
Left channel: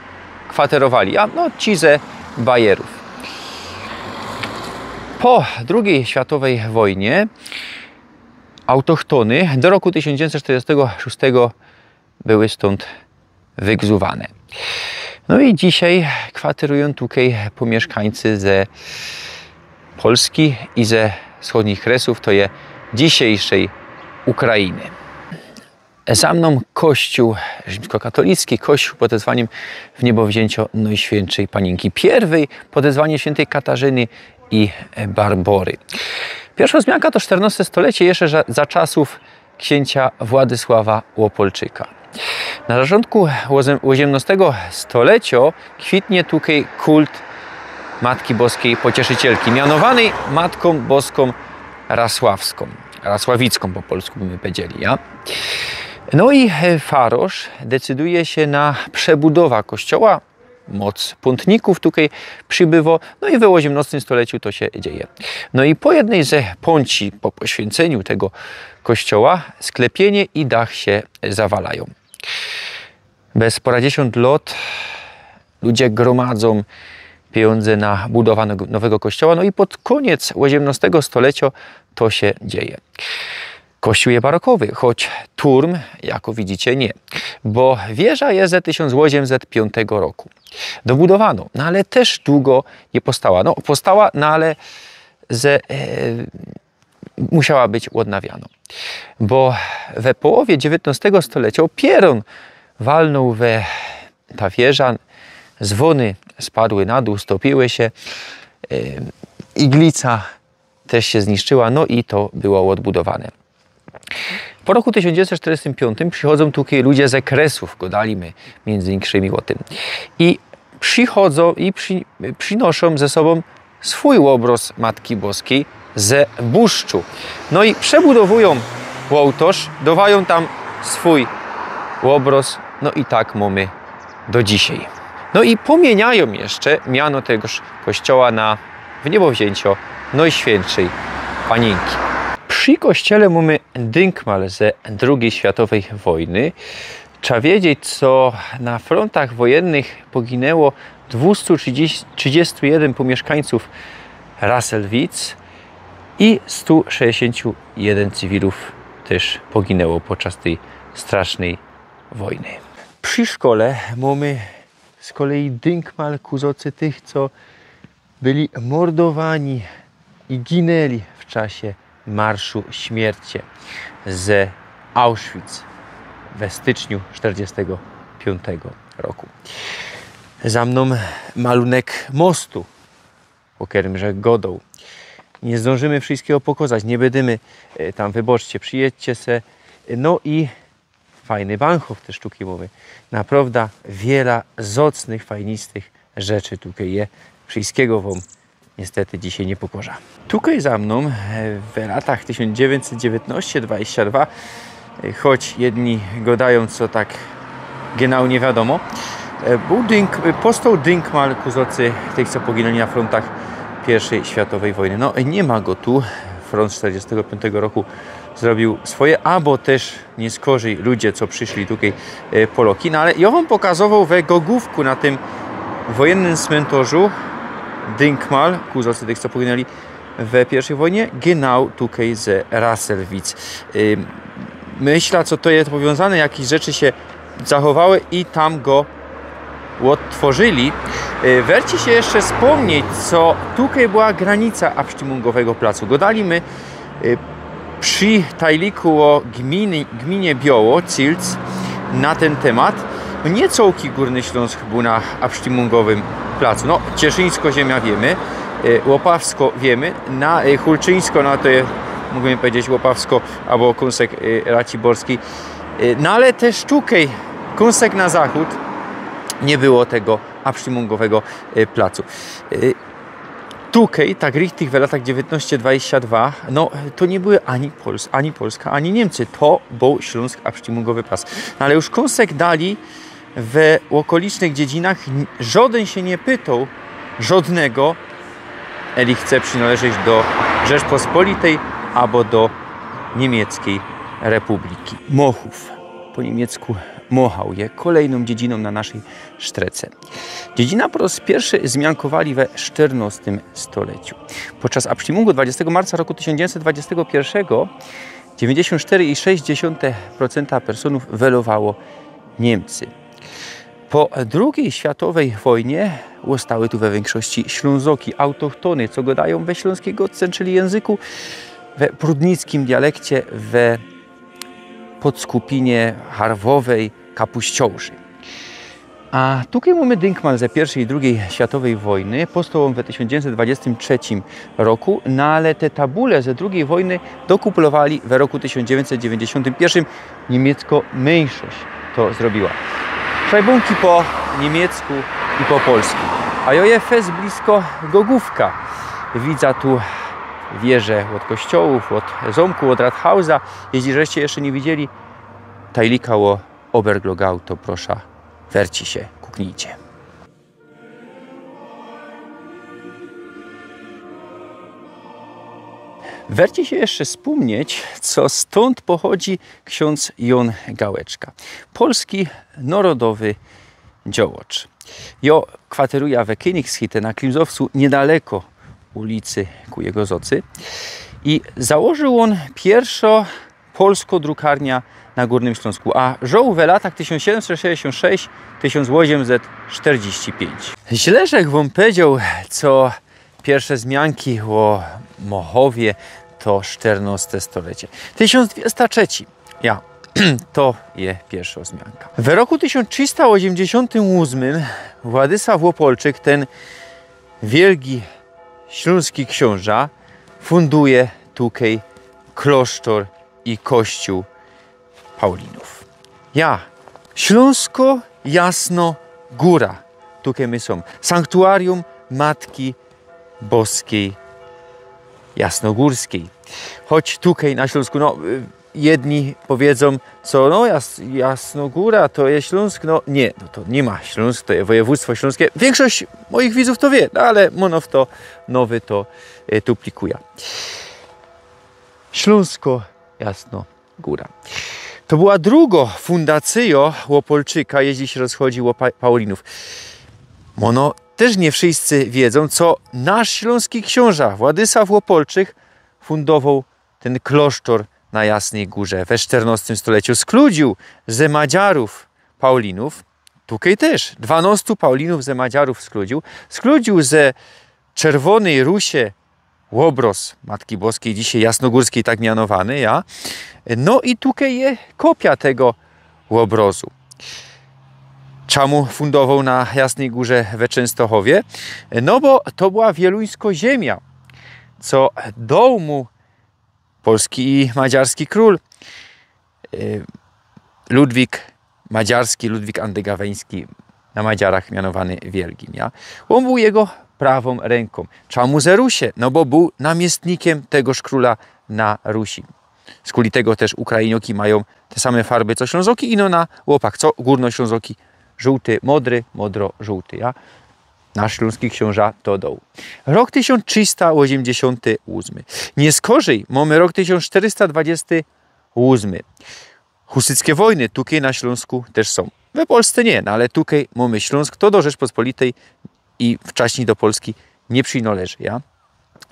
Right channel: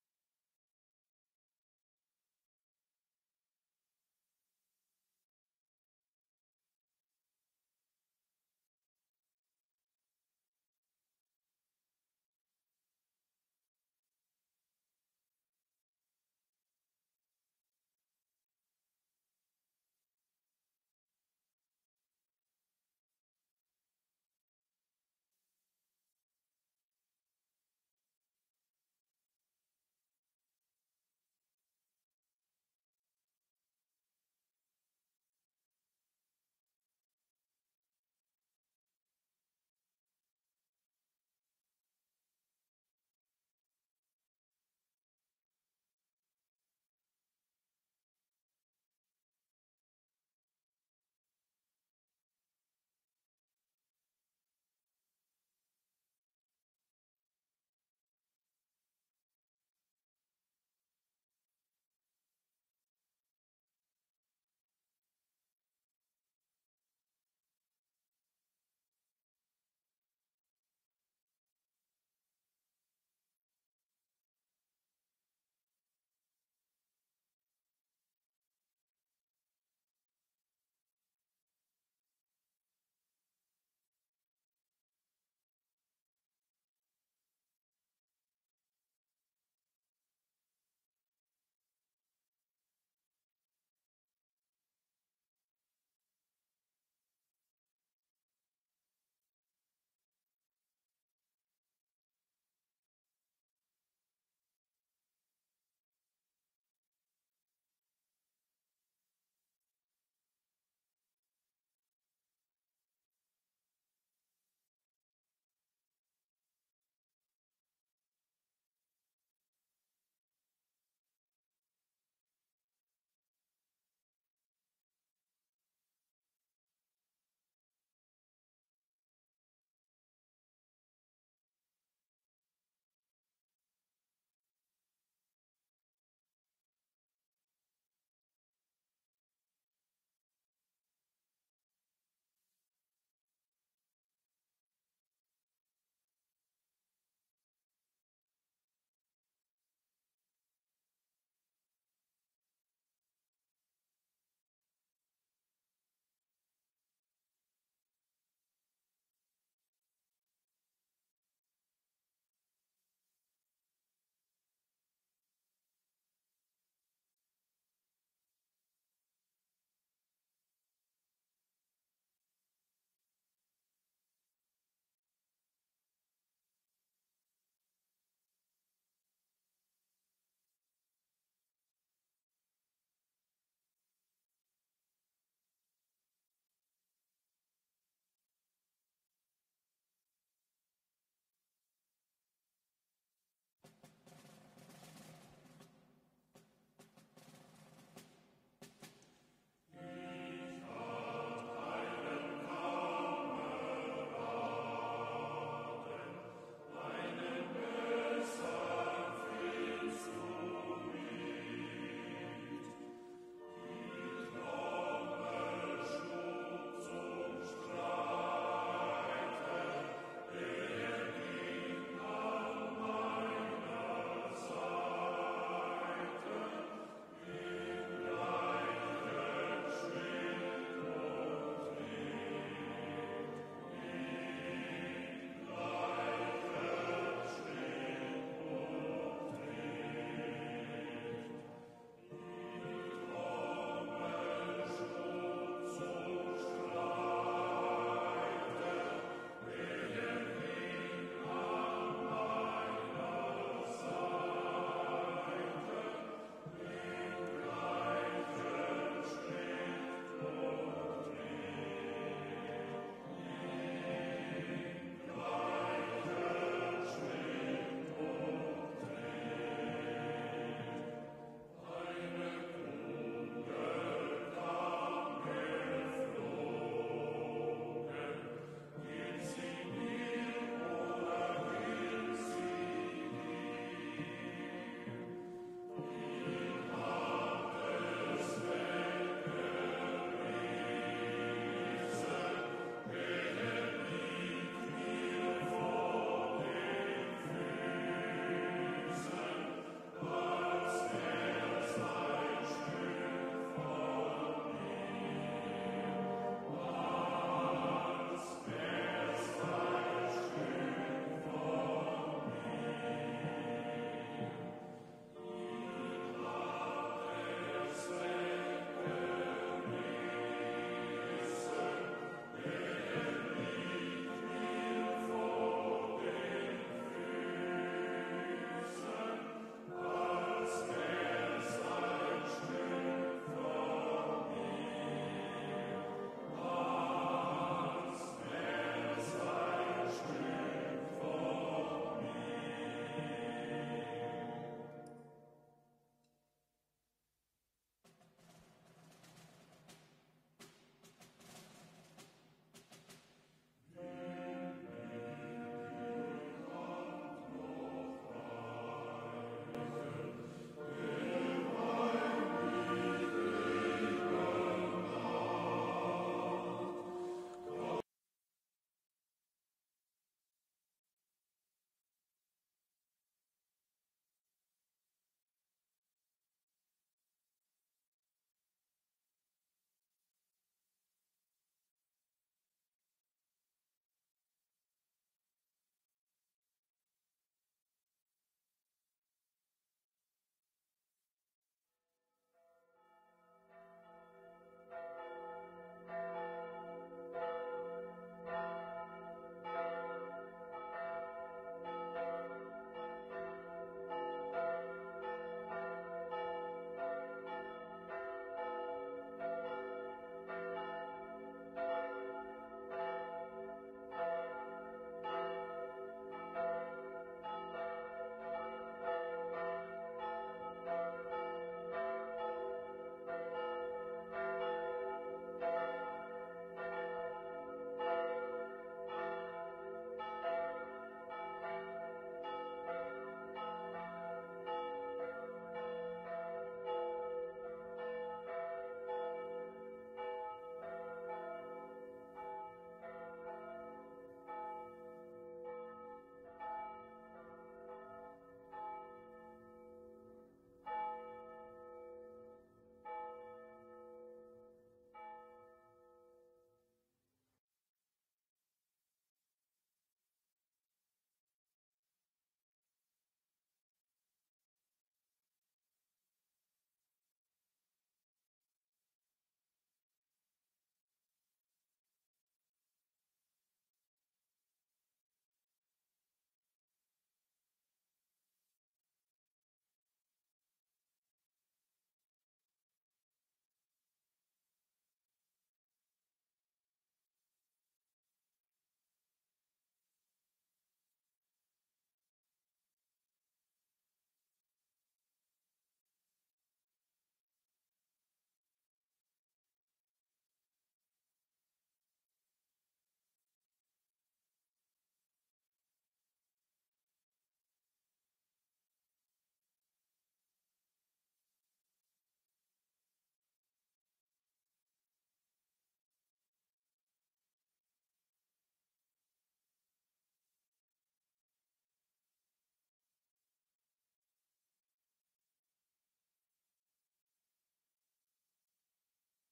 kwaterowali, a no ci ze Bajerów. Po II światowej wojnie autochtony do roku 1946 były stąd wygzuwane. No i dzisiaj kwaterują tutaj pomieszkańcy ze Polski i ze wschodnich kresów, to jest dzisiejszej Ukrainy. Za mną kościół rzymskokatolicki, kościół pod wezwaniem Wniebowzięcia Najświętszej Panienki Pierwej, pod wezwaniem świętej Katarzyny i Barbory. Pierwsza wzmianka to XIV stulecie, jeszcze za czasów księcia Władysława Łopolczyka. Na początku XVIII stulecia kwitnie tutaj kult Matki Boskiej Pocieszycielki, mianowanej Matką Boską Rasławską, Rasławicką po polsku byśmy powiedzieli. Ja? No i farosz decyduje się na przebudowę kościoła. Moc pątników tutaj przybywa, no i w XVIII stuleciu to się dzieje. No i po jednej ze pąci, po poświęceniu tego kościoła, sklepienie i dach się zawalają. Bez poradziesiąt lat ludzie gromadzą pieniądze na budowę nowego kościoła, no i pod koniec XVIII stulecia to się dzieje. Kościół jest barokowy, choć turm, jak widzicie, nie, bo wieża jest z 1805 roku. Dobudowano, no ale też długo nie powstała. No powstała, no ale musiała być odnawiana. Bo we połowie XIX stulecia pieron walnął ta wieża, dzwony spadły na dół, stopiły się, iglica też się zniszczyła, no i to było odbudowane. Po roku 1945 przychodzą tutaj ludzie z Kresów, gadaliśmy między innymi o tym. I przychodzą i przynoszą ze sobą swój obraz Matki Boskiej ze Buszczu. No i przebudowują ołtarz, dawają tam swój obraz no i tak mamy do dzisiaj. No i pomieniają jeszcze miano tegoż kościoła na Wniebowzięcio Najświętszej Panienki. Przy kościele mamy dynkmal ze II światowej wojny. Trzeba wiedzieć, co na frontach wojennych poginęło 231 pomieszkańców Rasselwitz i 161 cywilów też poginęło podczas tej strasznej wojny. Przy szkole mamy z kolei dynkmal ku zocy tych, co byli mordowani i ginęli w czasie Marszu Śmierci ze Auschwitz we styczniu 1945 roku. Za mną malunek mostu, po którym rzekł Godoł. Nie zdążymy wszystkiego pokazać, nie będziemy tam, wyboczcie, przyjedźcie se. No i fajny Bahnhof te sztuki mowy. Naprawdę wiele zacnych, fajnistych rzeczy tutaj je. Wszystkiego wam niestety dzisiaj nie pokażę. Tutaj za mną w latach 1919-22, choć jedni gadają, co tak genau nie wiadomo, powstał dynkmal ku zocy tych, co poginęli na frontach I światowej wojny. No nie ma go tu. Front 1945 roku zrobił swoje, albo też nie skorzy ludzie, co przyszli tutaj Poloki. No ale ja wam pokazywał we Gogówku na tym wojennym cmentarzu dynkmal ku zocy tych, co poginęli w I wojnie, genau tutaj z Rasselwitz. Myślę, co to jest powiązane, jakieś rzeczy się zachowały i tam go odtworzyli. Werci się jeszcze wspomnieć, co tutaj była granica Abstimmungowego placu. Godaliśmy przy tajliku o gminie Bioło, Cilc, na ten temat. Nie całki Górny Śląsk był na Abstimmungowym placu. No, Cieszyńsko ziemia wiemy, Łopawsko wiemy, na Hulczyńsko, no to jest, mógłbym powiedzieć, Łopawsko albo Kąsek Raciborski. No ale też tutaj, Kąsek na zachód, nie było tego Abstimmungowego placu. Tutaj, tak richtig w latach 19-22, no to nie były ani Polska, ani Niemcy. To był Śląsk Abstimmungowy plac. No, ale już Kąsek dali w okolicznych dziedzinach, żaden się nie pytał, żadnego, eli chce przynależeć do Rzeczpospolitej albo do Niemieckiej Republiki. Mochów, po niemiecku Mochał, je kolejną dziedziną na naszej Sztrece. Dziedzina po raz pierwszy zmiankowali we XIV stuleciu. Podczas Abstimmungu 20 marca roku 1921 94,6% personów welowało Niemcy. Po II światowej wojnie zostały tu we większości Ślązoki, autochtony, co gadają we śląskiego, czyli języku, we prudnickim dialekcie, we Podskupinie, Harwowej, Kapuściołży. A tutaj mamy dynkmal ze I i II światowej wojny. Powstał on w 1923 roku, no ale te tabule ze II wojny dokuplowali w roku 1991. Niemiecko mniejszość to zrobiła. Szajbunki po niemiecku i po polsku. A ja jest blisko Gogówka. Widzę tu wieże od kościołów, od zamku, od Rathausa. Jeśli żeście jeszcze nie widzieli tajlika o Oberglogau, to proszę, werci się, kuknijcie. Werci się jeszcze wspomnieć, co stąd pochodzi ksiądz Jon Gałeczka. Polski narodowy działacz. Jo kwateruje w Königshütte na Klimzowcu, niedaleko ulicy ku jego zocy. I założył on pierwsza polska drukarnia na Górnym Śląsku, a żył w latach 1766-1845. Źle, że wam powiedział, co pierwsze zmianki o Mochowie to XIV stulecie. 1203. Ja, to je pierwsza wzmianka. W roku 1388 Władysław Łopolczyk, ten wielki śląski książę, funduje tutaj klasztor i kościół Paulinów. Ja, Śląsko, Jasno, Góra. Tutaj my są. Sanktuarium Matki Boskiej Jasnogórskiej. Choć tutaj na Śląsku, no, jedni powiedzą, co no Jasnogóra to jest Śląsk, no nie, no to nie ma Śląsk, to jest województwo śląskie. Większość moich widzów to wie, no ale Monow to nowy to duplikuje. Śląsko Jasnogóra. To była druga fundacja Łopolczyka, jeśli się rozchodzi o Paulinów. Mono też nie wszyscy wiedzą, co nasz śląski książę Władysław Łopolczyk fundował ten klasztor na Jasnej Górze we XIV stuleciu. Skludził ze Madziarów Paulinów, tutaj też 12 Paulinów ze Madziarów skludził. Skludził ze Czerwonej Rusie łobroz Matki Boskiej, dzisiaj jasnogórskiej tak mianowany, ja. No i tutaj jest kopia tego łobrozu. Czemu fundował na Jasnej Górze we Częstochowie? No bo to była wieluńsko ziemia, co dał mu polski i madziarski król Ludwik Madziarski, Ludwik Andegaweński, na Madziarach mianowany Wielgim. Ja? On był jego prawą ręką. Czemu ze Rusie? No bo był namiestnikiem tegoż króla na Rusi. Z kuli tego też Ukrainioki mają te same farby co Ślązoki i no na łopach, co Górnoślązoki żółty, modry, modro-żółty. Ja? Nasz śląski książę to dał. Rok 1388. Nie skorzej, mamy rok 1428. Husyckie wojny tutaj na Śląsku też są. We Polsce nie, no ale tutaj mamy Śląsk, to do Rzeczpospolitej i wcześniej do Polski nie przynależy. Ja?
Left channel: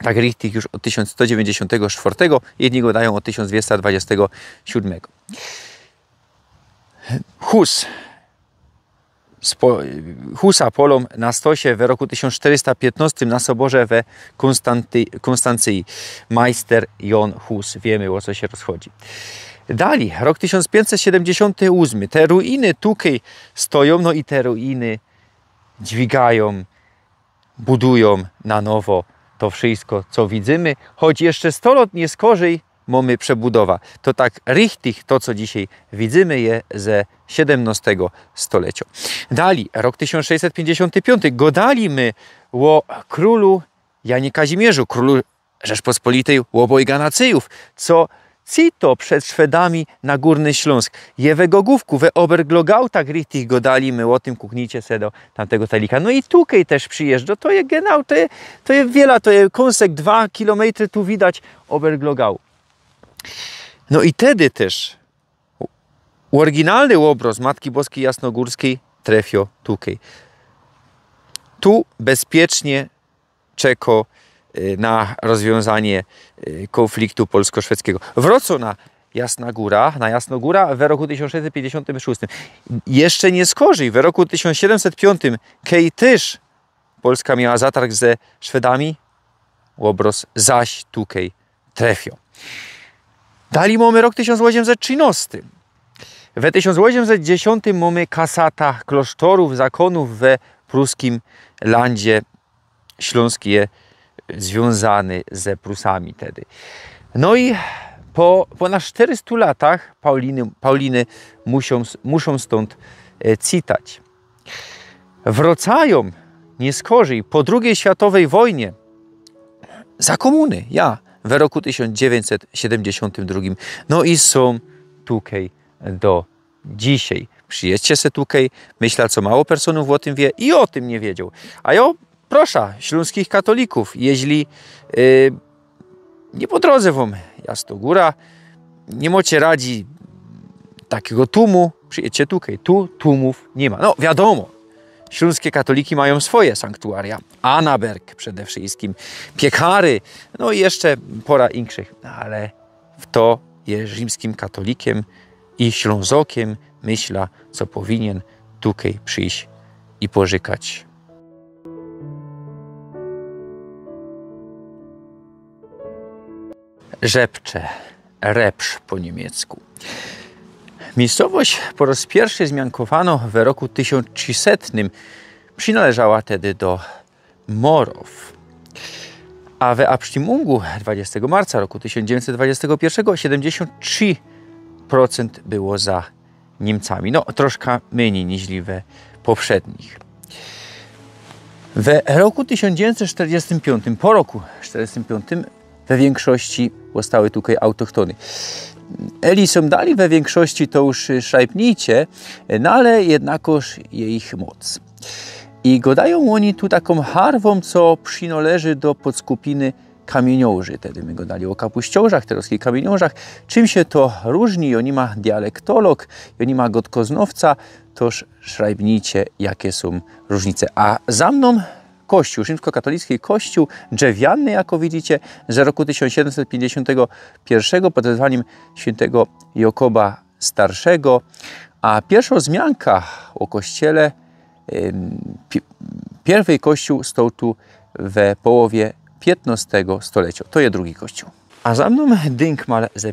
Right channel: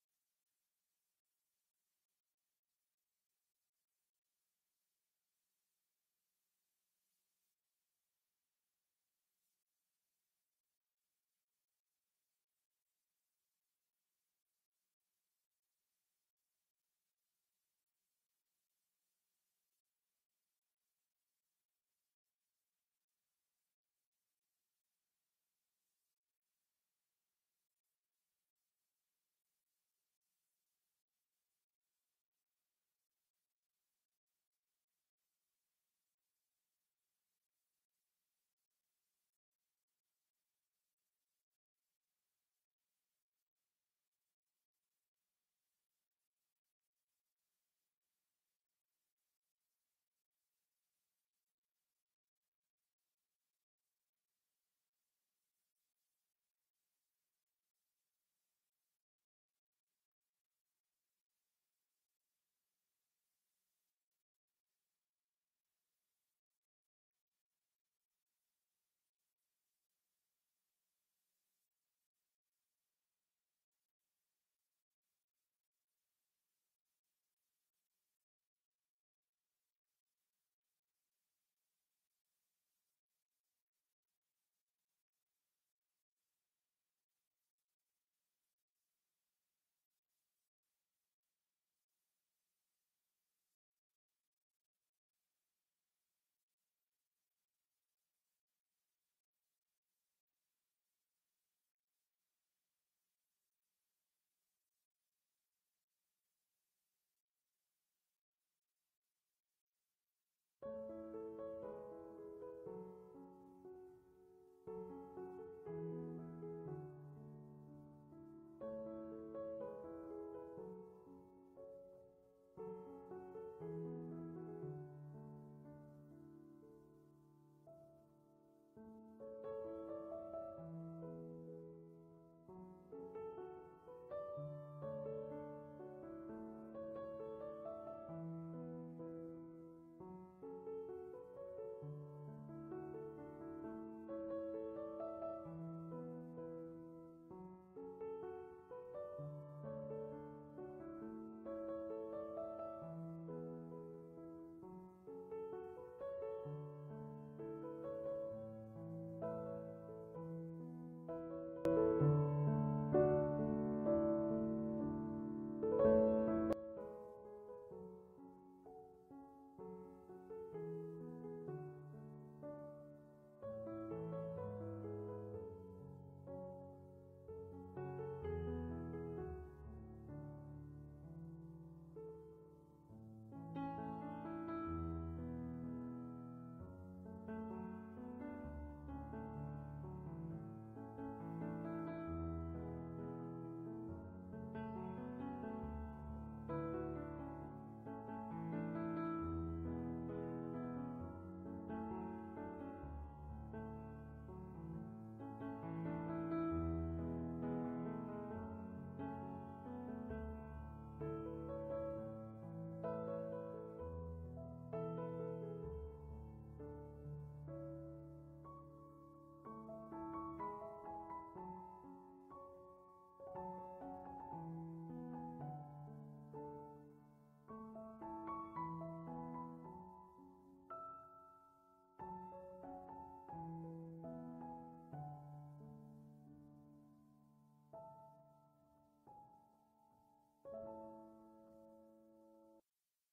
Tak richtig już od 1194, jedni go dają od 1227. Husa polom na stosie w roku 1415 na soborze we Konstancji. Majster Jon Hus. Wiemy, o co się rozchodzi. Dalej, rok 1578. Te ruiny tutaj stoją, no i te ruiny dźwigają, budują na nowo to wszystko, co widzimy. Choć jeszcze 100 lat nie skorzej, mamy przebudowa. To tak richtig to, co dzisiaj widzimy, je ze XVII stulecia. Dalej, rok 1655. Godalimy o królu Janie Kazimierzu, królu Rzeczpospolitej obojga nacyjów, co cito przed Szwedami na Górny Śląsk. Je we Gogówku, we Oberglogau, tak richtig godalimy, o tym kuknijcie se do tamtego talika. No i tutaj też przyjeżdża, to jest genau, to jest wiele, to jest kąsek 2 kilometry, tu widać Oberglogau. No i wtedy też oryginalny obraz Matki Boskiej Jasnogórskiej trafio tutaj. Tu bezpiecznie czeka na rozwiązanie konfliktu polsko-szwedzkiego. Wrócą na Jasnogóra w roku 1656. Jeszcze nie skorzej, w roku 1705, kiedy też Polska miała zatarg ze Szwedami, obraz zaś tutaj trafio. Dalej mamy rok 1813. W 1810 mamy kasata klasztorów, zakonów we pruskim landzie śląskie związany ze Prusami wtedy. No i po ponad 400 latach Pauliny muszą stąd citać. Wracają nie skorzej po II światowej wojnie za komuny, w roku 1972. No i są tutaj do dzisiaj. Przyjedźcie se tutaj, myślę, co mało personów o tym wie i o tym nie wiedział. A ja proszę śląskich katolików, jeśli nie po drodze wam Jasnogóra, nie macie radzi takiego tłumu, przyjedźcie tutaj. Tu tłumów nie ma. No wiadomo, śląskie katoliki mają swoje sanktuaria. Anaberg przede wszystkim, Piekary, no i jeszcze pora inkszych. Ale w to jest rzymskim katolikiem i ślązokiem myśla, co powinien tutaj przyjść i pożykać. Rzepcze, Repsz po niemiecku. Miejscowość po raz pierwszy zmiankowano w roku 1300. Przynależała wtedy do Morów. A w Abstimmung 20 marca roku 1921 73% było za Niemcami. No, troszkę mniej niż we poprzednich. W roku 1945, po roku 1945, we większości zostały tutaj autochtony. Eli są dali we większości to już szajpnijcie, no ale jednakoż je ich moc. I godają oni tu taką harwą, co przynależy do podskupiny kamieniołży. Wtedy my godali o kapuściołżach, teraz i kamieniołżach. Czym się to różni? Oni ma dialektolog, oni ma godkoznowca, toż szrajbnijcie, jakie są różnice. A za mną kościół, rzymskokatolicki kościół drzewiany, jako widzicie, z roku 1751 pod wezwaniem świętego Jakuba Starszego. A pierwsza wzmianka o kościele, pierwszy kościół stał tu w połowie XV stulecia. To jest drugi kościół. A za mną dynkmal ze I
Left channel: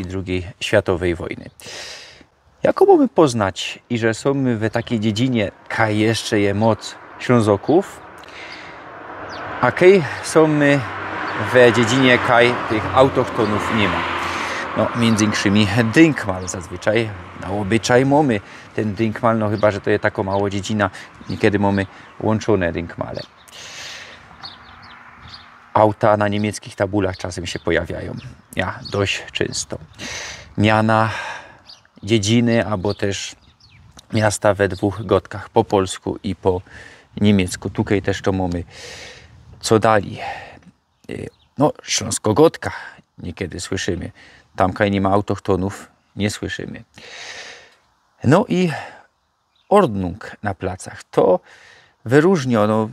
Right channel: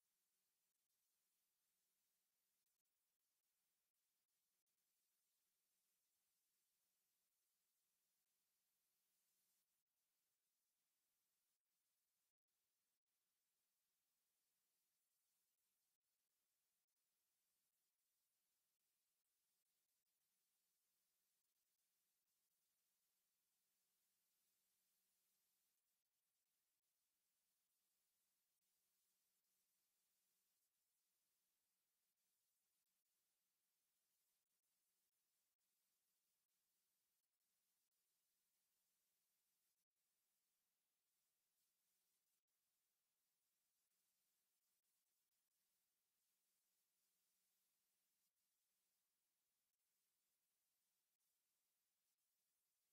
i II światowej wojny. Jak mamy poznać, i że są my w takiej dziedzinie, kaj jeszcze je moc Ślązoków, a kaj są my w dziedzinie, kaj tych autochtonów nie ma. No, między innymi dynkmal zazwyczaj, na obyczaj mamy ten dynkmal, no chyba, że to jest taka mała dziedzina, niekiedy mamy łączone dynkmale. Auta na niemieckich tabulach czasem się pojawiają, ja, dość często. Miana dziedziny, albo też miasta we dwóch godkach, po polsku i po niemiecku. Tutaj też to mamy. Co dali? No, Śląsko-Godka niekiedy słyszymy. Tam, kaj nie ma autochtonów, nie słyszymy. No i Ordnung na placach. To wyróżniono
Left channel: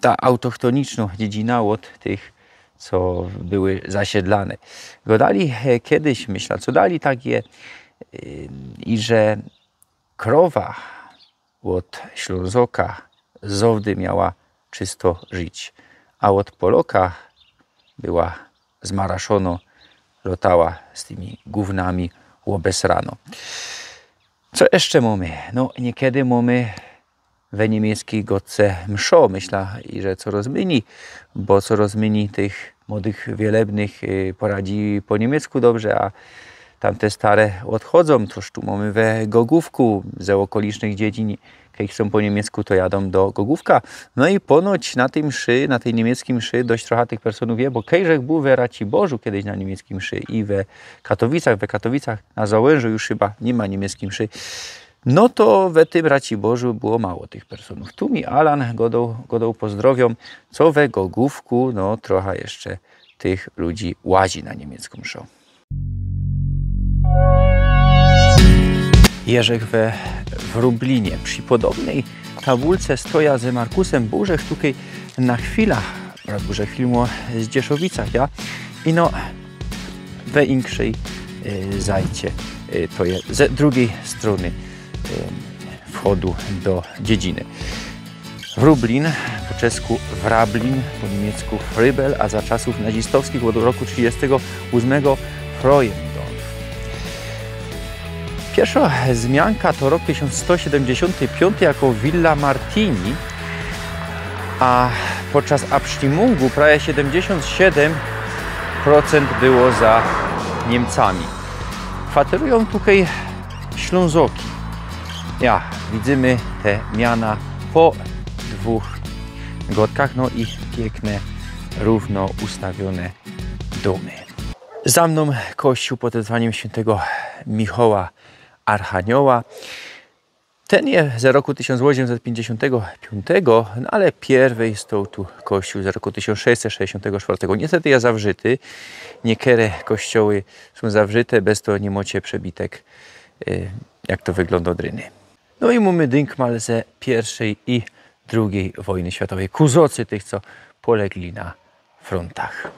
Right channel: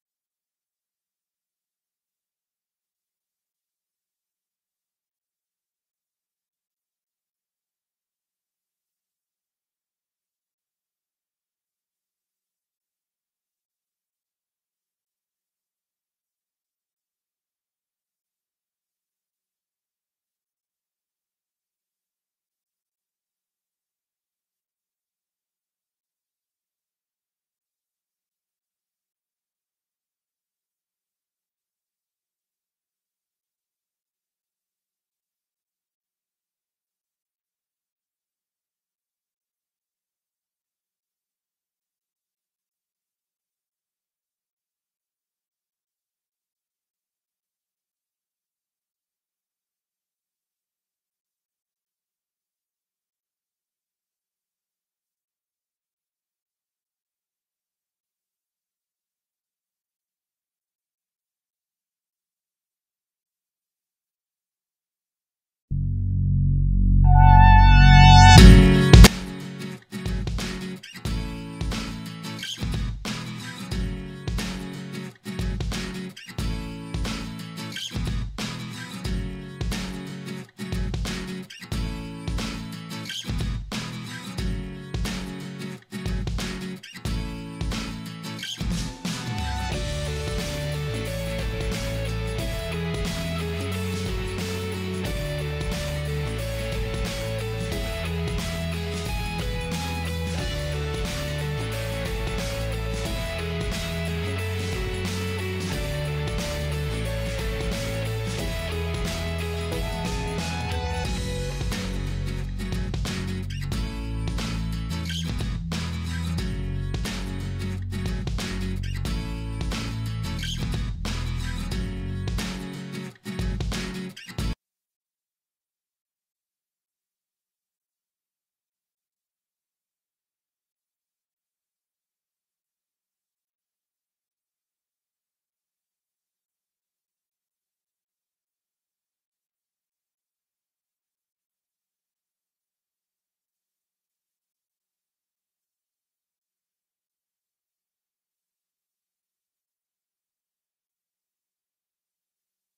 ta autochtoniczna dziedzina od tych, co były zasiedlane. Godali kiedyś, myślę, co dali takie, i że krowa od Ślązoka z owdy miała czysto żyć, a od Poloka była zmaraszono, lotała z tymi gównami łobesrano. Co jeszcze mamy? No, niekiedy mamy we niemieckiej godce mszo, myślę, i że co rozmieni, bo co rozmieni tych młodych wielebnych poradzi po niemiecku dobrze, a tamte stare odchodzą. Toż tu mamy we Gogówku, ze okolicznych dziedzin, jak są po niemiecku, to jadą do Gogówka. No i ponoć na tej mszy, na tej niemieckiej mszy dość trochę tych personów wie, bo kejżech był we Raciborzu kiedyś na niemieckiej mszy i we Katowicach na Załężu już chyba nie ma niemieckiej mszy. No to we tym Raciborzu było mało tych personów. Tu mi Alan godał pozdrowią, co we Gogówku, no trochę jeszcze tych ludzi łazi na niemiecką mszą. Jerzek we Wróblinie przy podobnej tabulce stoja ze Markusem Burzech tutaj na chwilę, Burzech filmu z Dzieszowicach, ja? I no we inkszej zajcie, to jest ze drugiej strony wchodu do dziedziny. Wróblin, po czesku Wrablin, po niemiecku Frybel, a za czasów nazistowskich od roku 1938 Freundorf. Pierwsza wzmianka to rok 1175 jako Villa Martini, a podczas Abstimmунgu prawie 77% było za Niemcami. Kwaterują tutaj Ślązoki. Ja, widzimy te miana po dwóch godkach, no i piękne, równo ustawione domy. Za mną kościół pod wezwaniem świętego Michała Archanioła. Ten jest z roku 1855, no ale pierwszy stał tu kościół z roku 1664. Niestety jest zawrzyty. Niektóre kościoły są zawrzyte, bez to nie macie przebitek, jak to wygląda od ryny. No i mamy dynkmal ze I i II wojny światowej. Kuzocy tych, co polegli na frontach.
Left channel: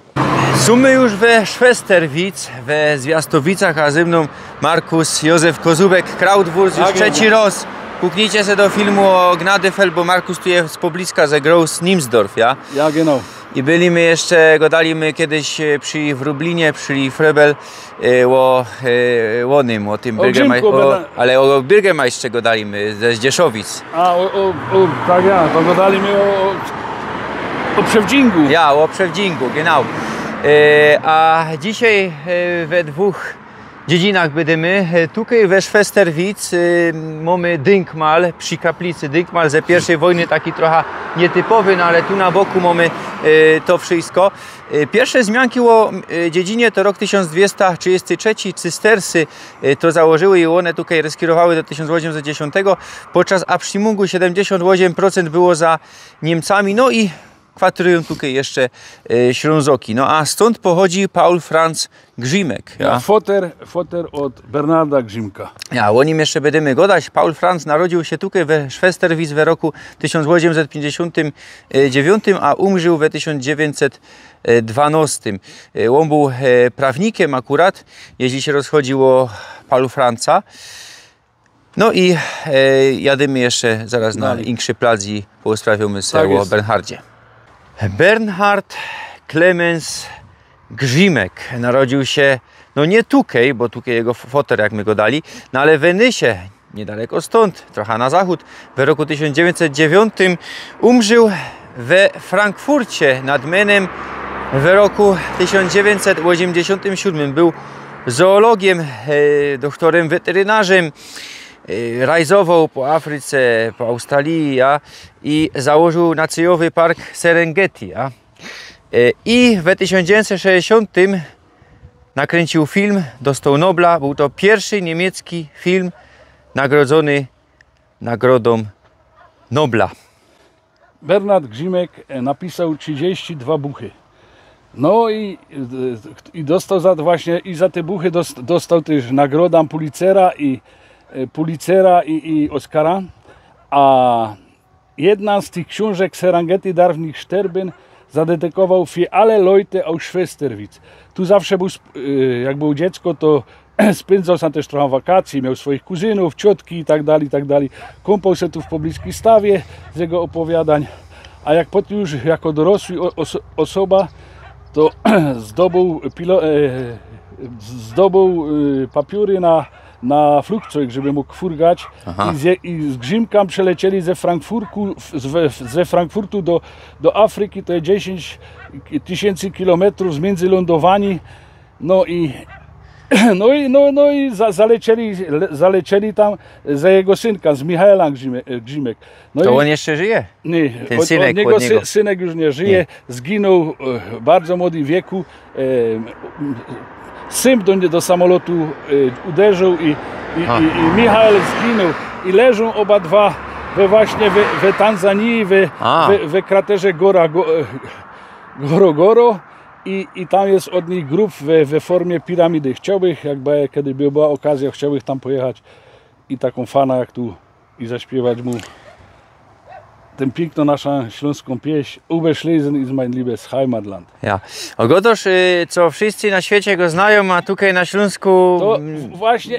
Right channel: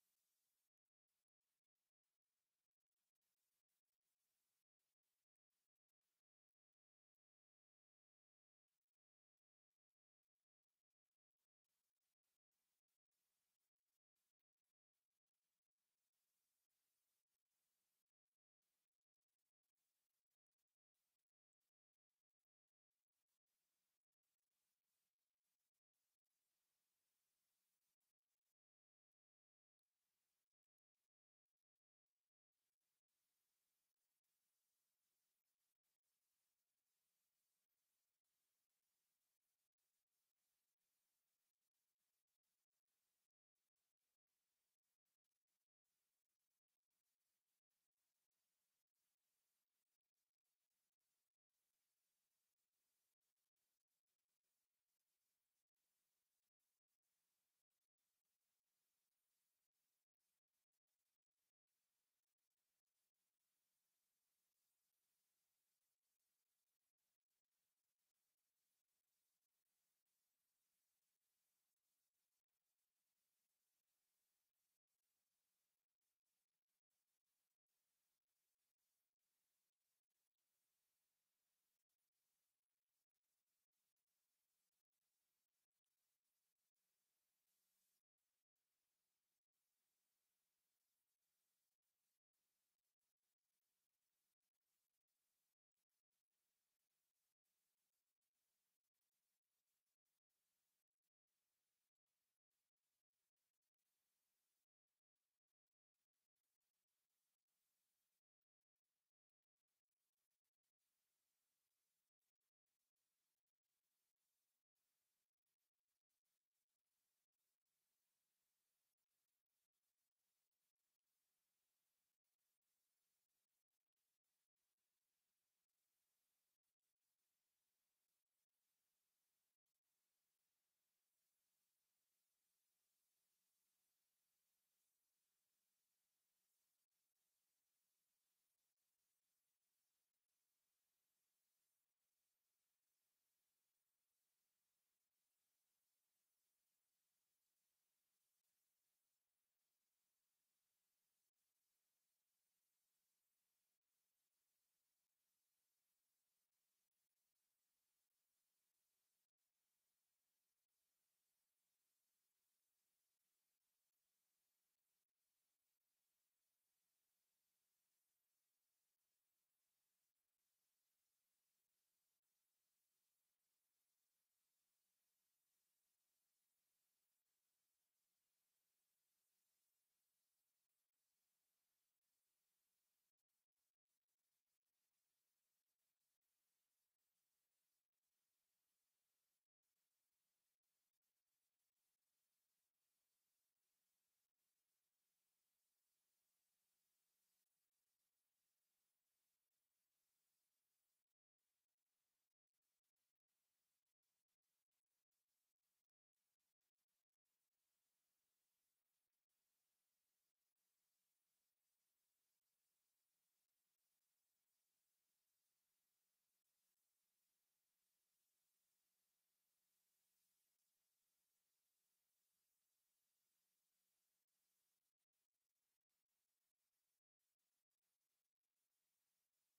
Sumy już we Szwesterwic, we Zwiastowicach, a ze mną Markus Józef Kozubek, Krautwurst, już trzeci raz. Puknijcie się do filmu o Gnadefeld, bo Markus tu jest z pobliska, ze Groß Nimsdorf, ja? Ja, genau. I byliśmy jeszcze, gadaliśmy kiedyś przy Wróblinie, przy Frebel, o tym ale o Bürgermeistrze gadaliśmy ze Zdzieszowic. A, tak ja, to gadaliśmy o Przewdzingu. Ja, o Przewdzingu, genau. A dzisiaj we dwóch dziedzinach będziemy. Tutaj we Szwesterwic mamy Dynkmal, przy kaplicy Dynkmal ze pierwszej wojny, taki trochę nietypowy, no ale tu na boku mamy to wszystko. Pierwsze zmianki o dziedzinie to rok 1233, cystersy to założyły i one tutaj reskirowały do 1810. Podczas abstimungu 78% było za Niemcami, no i kwaterują tutaj jeszcze Ślązoki. No a stąd pochodzi Paul Franz Grzimek. Ja, foter od Bernarda Grzimka. Ja, o nim jeszcze będziemy gadać. Paul Franz narodził się tutaj we Szwesterwic w roku 1859, a umrzył w 1912. On był prawnikiem akurat, jeśli się rozchodziło Paulu Franza. No i jadymy jeszcze zaraz na Inkszy Plac i porozprawiamy sobie o Bernhardzie. Bernhard Clemens Grzimek narodził się, no nie tutaj, bo tutaj jego foter, jak my go dali, no ale w Wenysie, niedaleko stąd, trochę na zachód, w roku 1909. Umrzył we Frankfurcie nad Menem w roku 1987. Był zoologiem, doktorem weterynarzem, rajzował po Afryce, po Australii i założył Nacjowy Park Serengeti. I w 1960 nakręcił film, dostał Nobla. Był to pierwszy niemiecki film nagrodzony Nagrodą Nobla. Bernard Grzimek napisał 32 buchy. No i dostał za właśnie i za te buchy dostał też nagrodę Pulitzera i Oscara. A jedna z tych książek Serengeti darf nicht sterben zadedykował für alle Leute aus Schwesterwitz. Tu zawsze był, jak był dziecko, to spędzał sam też trochę wakacji, miał swoich kuzynów, ciotki i tak dalej. Kąpał się tu w pobliskiej stawie z jego opowiadań, a jak potem już jako dorosły osoba, to zdobył papiery na flugzeug, żeby mógł furgać. I z Grzimkami przelecieli ze Frankfurtu do Afryki, to jest 10 000 kilometrów z międzylądowani. No i zalecieli tam za jego synka, z Michaela Grzimek. No to i, on jeszcze żyje? Nie, ten synek od niego synek już nie żyje, nie. Zginął w bardzo młodym wieku. Syn do samolotu uderzył i Michał zginął. I leżą oba dwa właśnie w Tanzanii, w kraterze Gorogoro. I tam jest od nich grób we formie piramidy. Chciałbym, kiedy by była okazja, chciałbym tam pojechać i taką fana jak tu i zaśpiewać mu tę piękną naszą śląską pieśń Uwe Schlesien ist mein liebes Heimatland. Ja. Ogotoż, co wszyscy na świecie go znają, a tutaj na Śląsku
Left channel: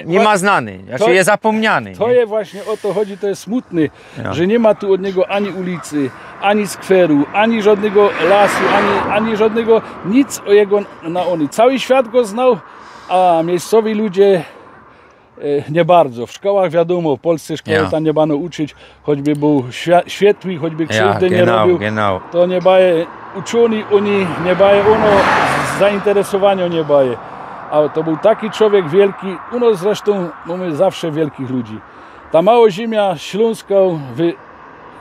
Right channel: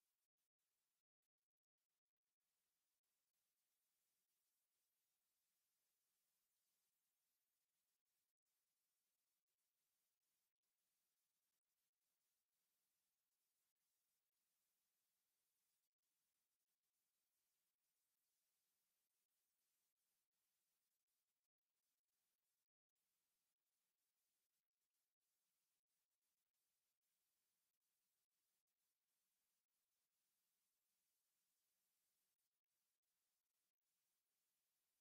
nie ma znany, znaczy jest zapomniany. To jest właśnie o to chodzi, to jest smutny, że nie ma tu od niego ani ulicy, ani skweru, ani żadnego lasu, ani żadnego, nic o jego naoni. Cały świat go znał, a miejscowi ludzie nie bardzo. W szkołach wiadomo, w Polsce szkoły tam nie bano uczyć, choćby był świetły, choćby krzywdy nie robił. To nie baje uczeni, oni nie baje, zainteresowania nie baje. A to był taki człowiek wielki, u nas zresztą mamy zawsze wielkich ludzi. Ta mała ziemia śląska,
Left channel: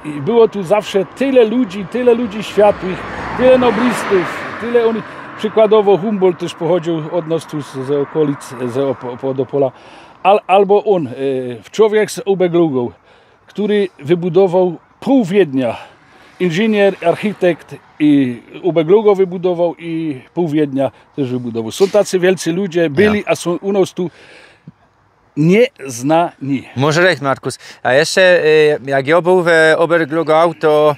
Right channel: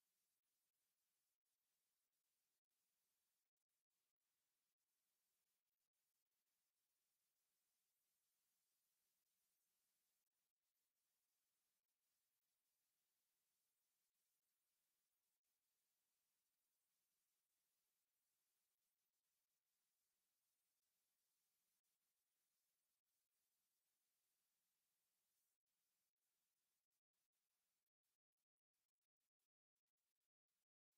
było tu zawsze tyle ludzi światłych, tyle noblistów, tyle oni. Przykładowo Humboldt też pochodził od nas tu z okolic, z Opola. Albo on, człowiek z Oberglogau, który wybudował pół Wiednia. Inżynier, architekt i Oberglogau wybudował i pół Wiednia też wybudował. Są tacy wielcy ludzie, byli, a są u nas tu nieznani. Może recht, Markus. A jeszcze jak ja był w Oberglogau, to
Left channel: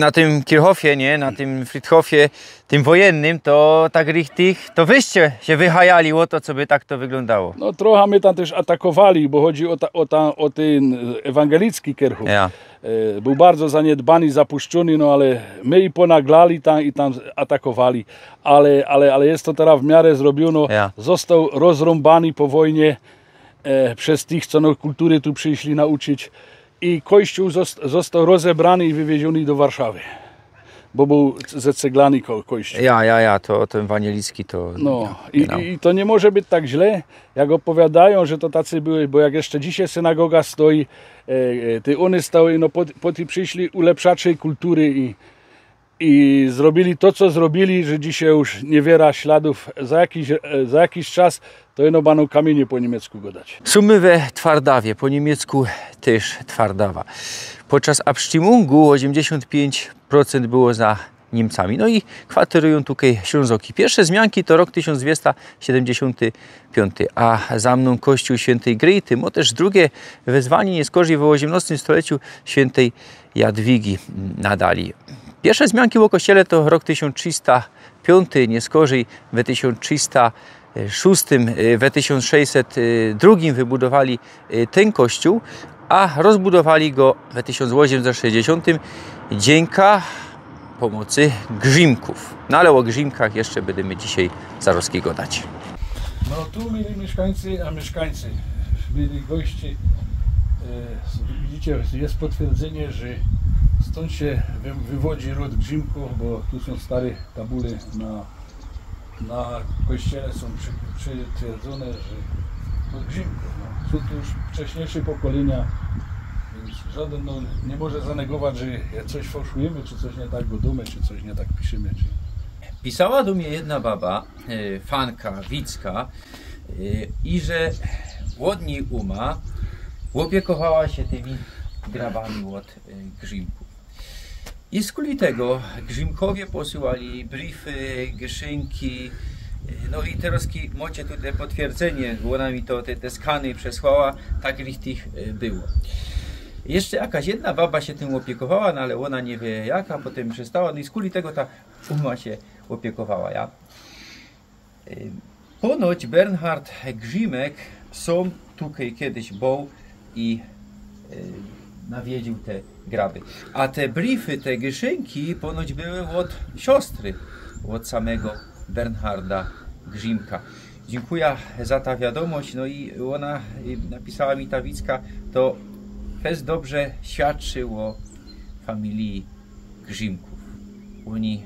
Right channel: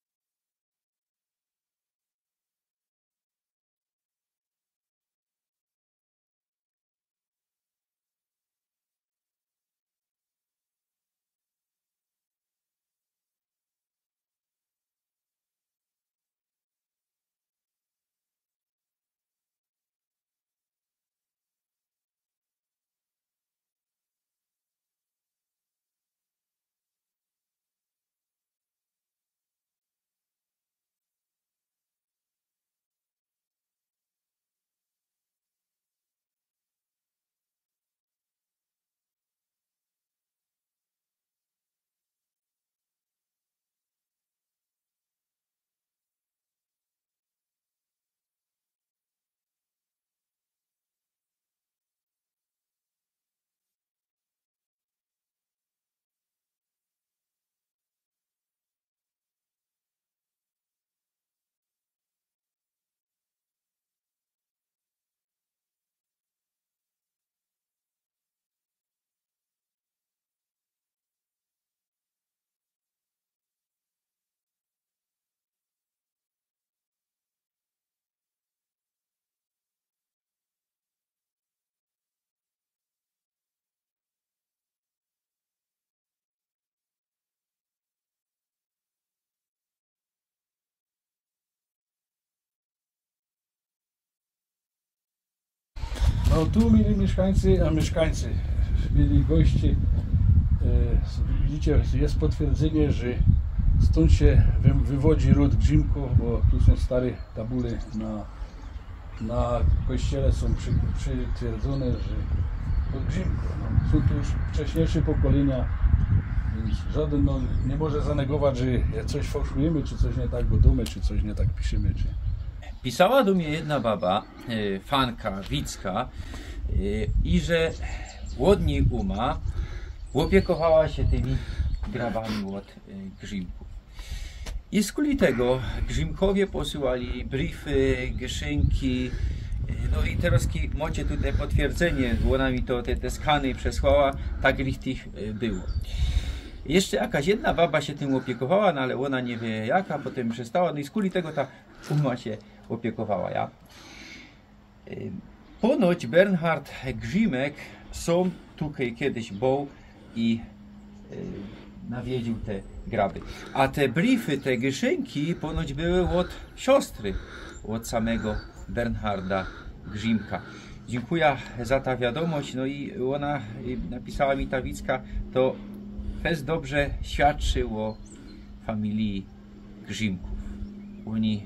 na tym Kirchhofie, nie? Na tym Friedhofie, tym wojennym, to tak richtig, to wyście się wychajali o to, co by tak to wyglądało. No trochę my tam też atakowali, bo chodzi o ten ewangelicki Kirchhof. Ja. Był bardzo zaniedbany, zapuszczony, no ale my i ponaglali tam i tam atakowali. Ale jest to teraz w miarę zrobiono. Ja. Został rozrąbany po wojnie przez tych, co no kultury tu przyszli nauczyć. I kościół został rozebrany i wywieziony do Warszawy. bo był ze ceglany kościół. Ja, to ten Wanielicki to... No genau. i to nie może być tak źle, jak opowiadają, że to tacy były, bo jak jeszcze dzisiaj synagoga stoi, te one stały, no po tym przyszli ulepszacze kultury i zrobili to, co zrobili, że dzisiaj już niewiele śladów. Za jakiś czas to jedno będą kamienie po niemiecku godać. Sumy we Twardawie, po niemiecku też Twardawa. Podczas Abstimmунgu 85% było za Niemcami. No i kwaterują tutaj Ślązoki. Pierwsze zmianki to rok 1275, a za mną kościół świętej Gryty, mo też drugie wezwanie nieskorzy w XVIII stuleciu świętej Jadwigi nadali. Pierwsze zmianki w kościele to rok 1305, nieskorzy w 1306, w 1602 wybudowali ten kościół, a rozbudowali go w 1860 dzięki pomocy grzimków. No ale o grzimkach jeszcze będziemy dzisiaj zaroski gadać. No tu mieli mieszkańcy, a mieszkańcy mieli goście. Widzicie, jest potwierdzenie, że stąd się wywodzi ród grzimków, bo tu są stare tabule na kościele są przytwierdzone, że od grzimków. No, są tu już wcześniejsze pokolenia, więc żaden nie może zanegować, że coś fałszujemy, czy coś nie tak godamy, czy coś nie tak piszemy. Pisała do mnie jedna baba, fanka, Wicka, i że łodniej opiekowała się tymi grabami od grzimków. I z kuli tego grzimkowie posyłali briefy, geszynki, no i teraz macie tutaj potwierdzenie, bo ona mi to te skany przesłała, tak tych było. Jeszcze jakaś jedna baba się tym opiekowała, no ale ona nie wie jaka, potem przestała, no i z kuli tego ta uma się opiekowała. Ja. Ponoć Bernhard Grzimek są tutaj kiedyś był i nawiedził te graby. A te briefy, te geszynki ponoć były od siostry, od samego Bernharda Grzimka. Dziękuję za ta wiadomość, no i ona napisała mi ta Wicka, to fest dobrze świadczył o familii Grzimków. Oni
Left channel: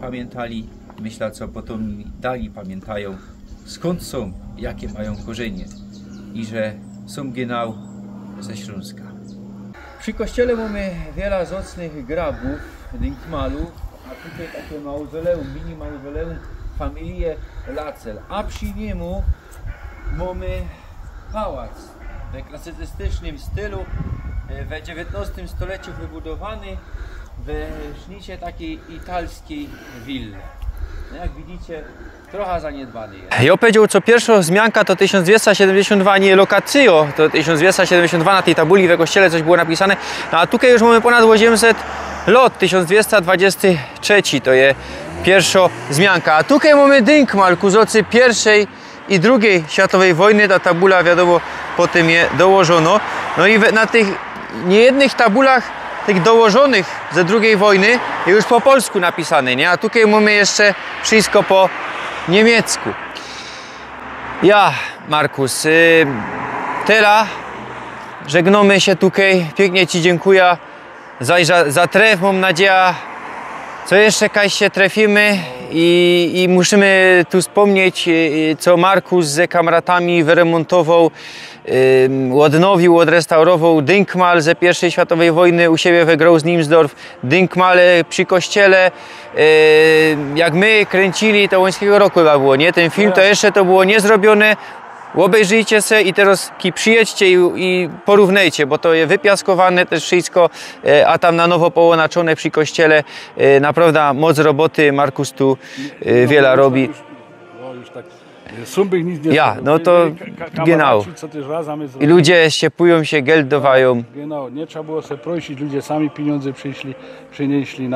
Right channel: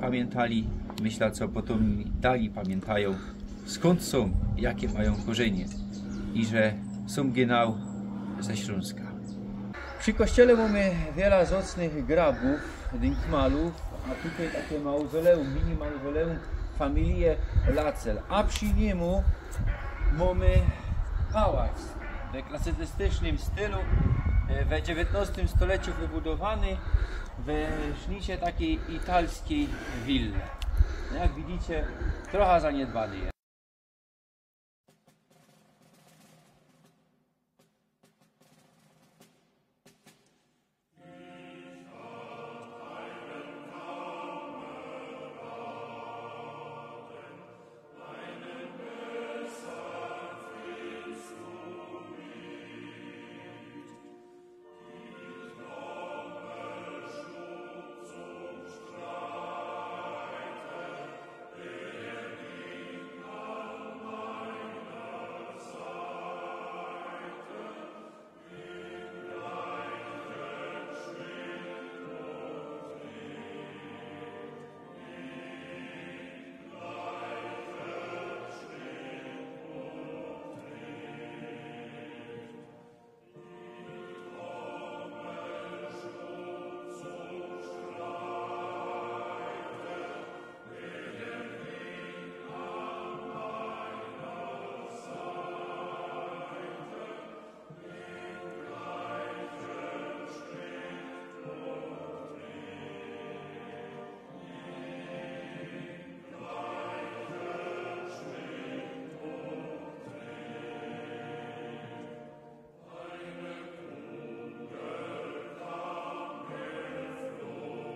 pamiętali, myślę, co potem dali pamiętają, skąd są, jakie mają korzenie i że są genau ze Śląska. Przy kościele mamy wiele zacnych grabów, dynkmalów, a tutaj takie mauzoleum, mini mauzoleum familii Lacel. A przy niemu mamy pałac w klasycystycznym stylu, w XIX stuleciu wybudowany w sznicie takiej italskiej willi. Jak widzicie, trochę zaniedbany jest. Ja powiedział, co pierwsza zmianka to 1272, nie lokacjo, to 1272 na tej tabuli we kościele coś było napisane, no a tutaj już mamy ponad 800 lat, 1223 to jest pierwsza zmianka, a tutaj mamy dynkmal ku zocy pierwszej i drugiej światowej wojny, ta tabula wiadomo potem je dołożono, no i na tych niejednych tabulach tych dołożonych ze II wojny już po polsku napisane, nie? A tutaj mamy jeszcze wszystko po niemiecku. Ja, Markus, teraz żegnamy się tutaj. Pięknie Ci dziękuję za tref. Mam nadzieję, co jeszcze kiedyś się trafimy i musimy tu wspomnieć, co Markus ze kamratami wyremontował, odnowił, odrestaurował dynkmal ze I światowej wojny u siebie we Groß-Niemsdorf, dynkmale przy kościele. Jak my kręcili, to łońskiego roku chyba było, nie? Ten film to jeszcze to było niezrobione. Obejrzyjcie se i teraz przyjedźcie i porównajcie, bo to jest wypiaskowane też wszystko, a tam na nowo połączone przy kościele. Naprawdę moc roboty, Markus tu wiele robi. Ja, no to genau. I ludzie ściepują się, geldowają. Genau, nie trzeba było sobie prosić, ludzie sami pieniądze przynieśli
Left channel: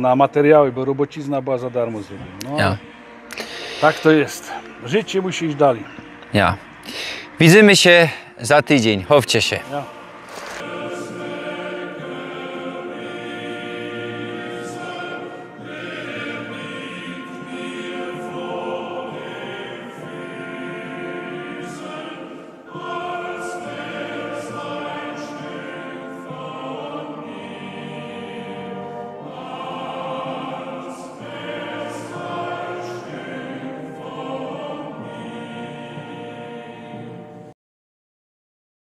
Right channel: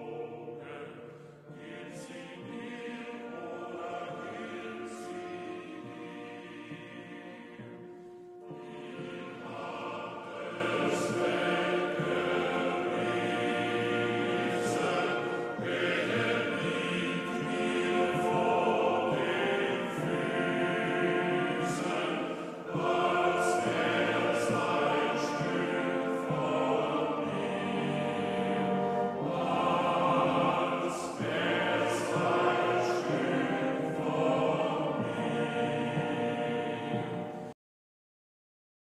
na materiały, bo robocizna była za darmo. No, ja. Tak to jest. Życie musi iść dalej. Ja. Widzimy się za tydzień. Chowcie się. Ja.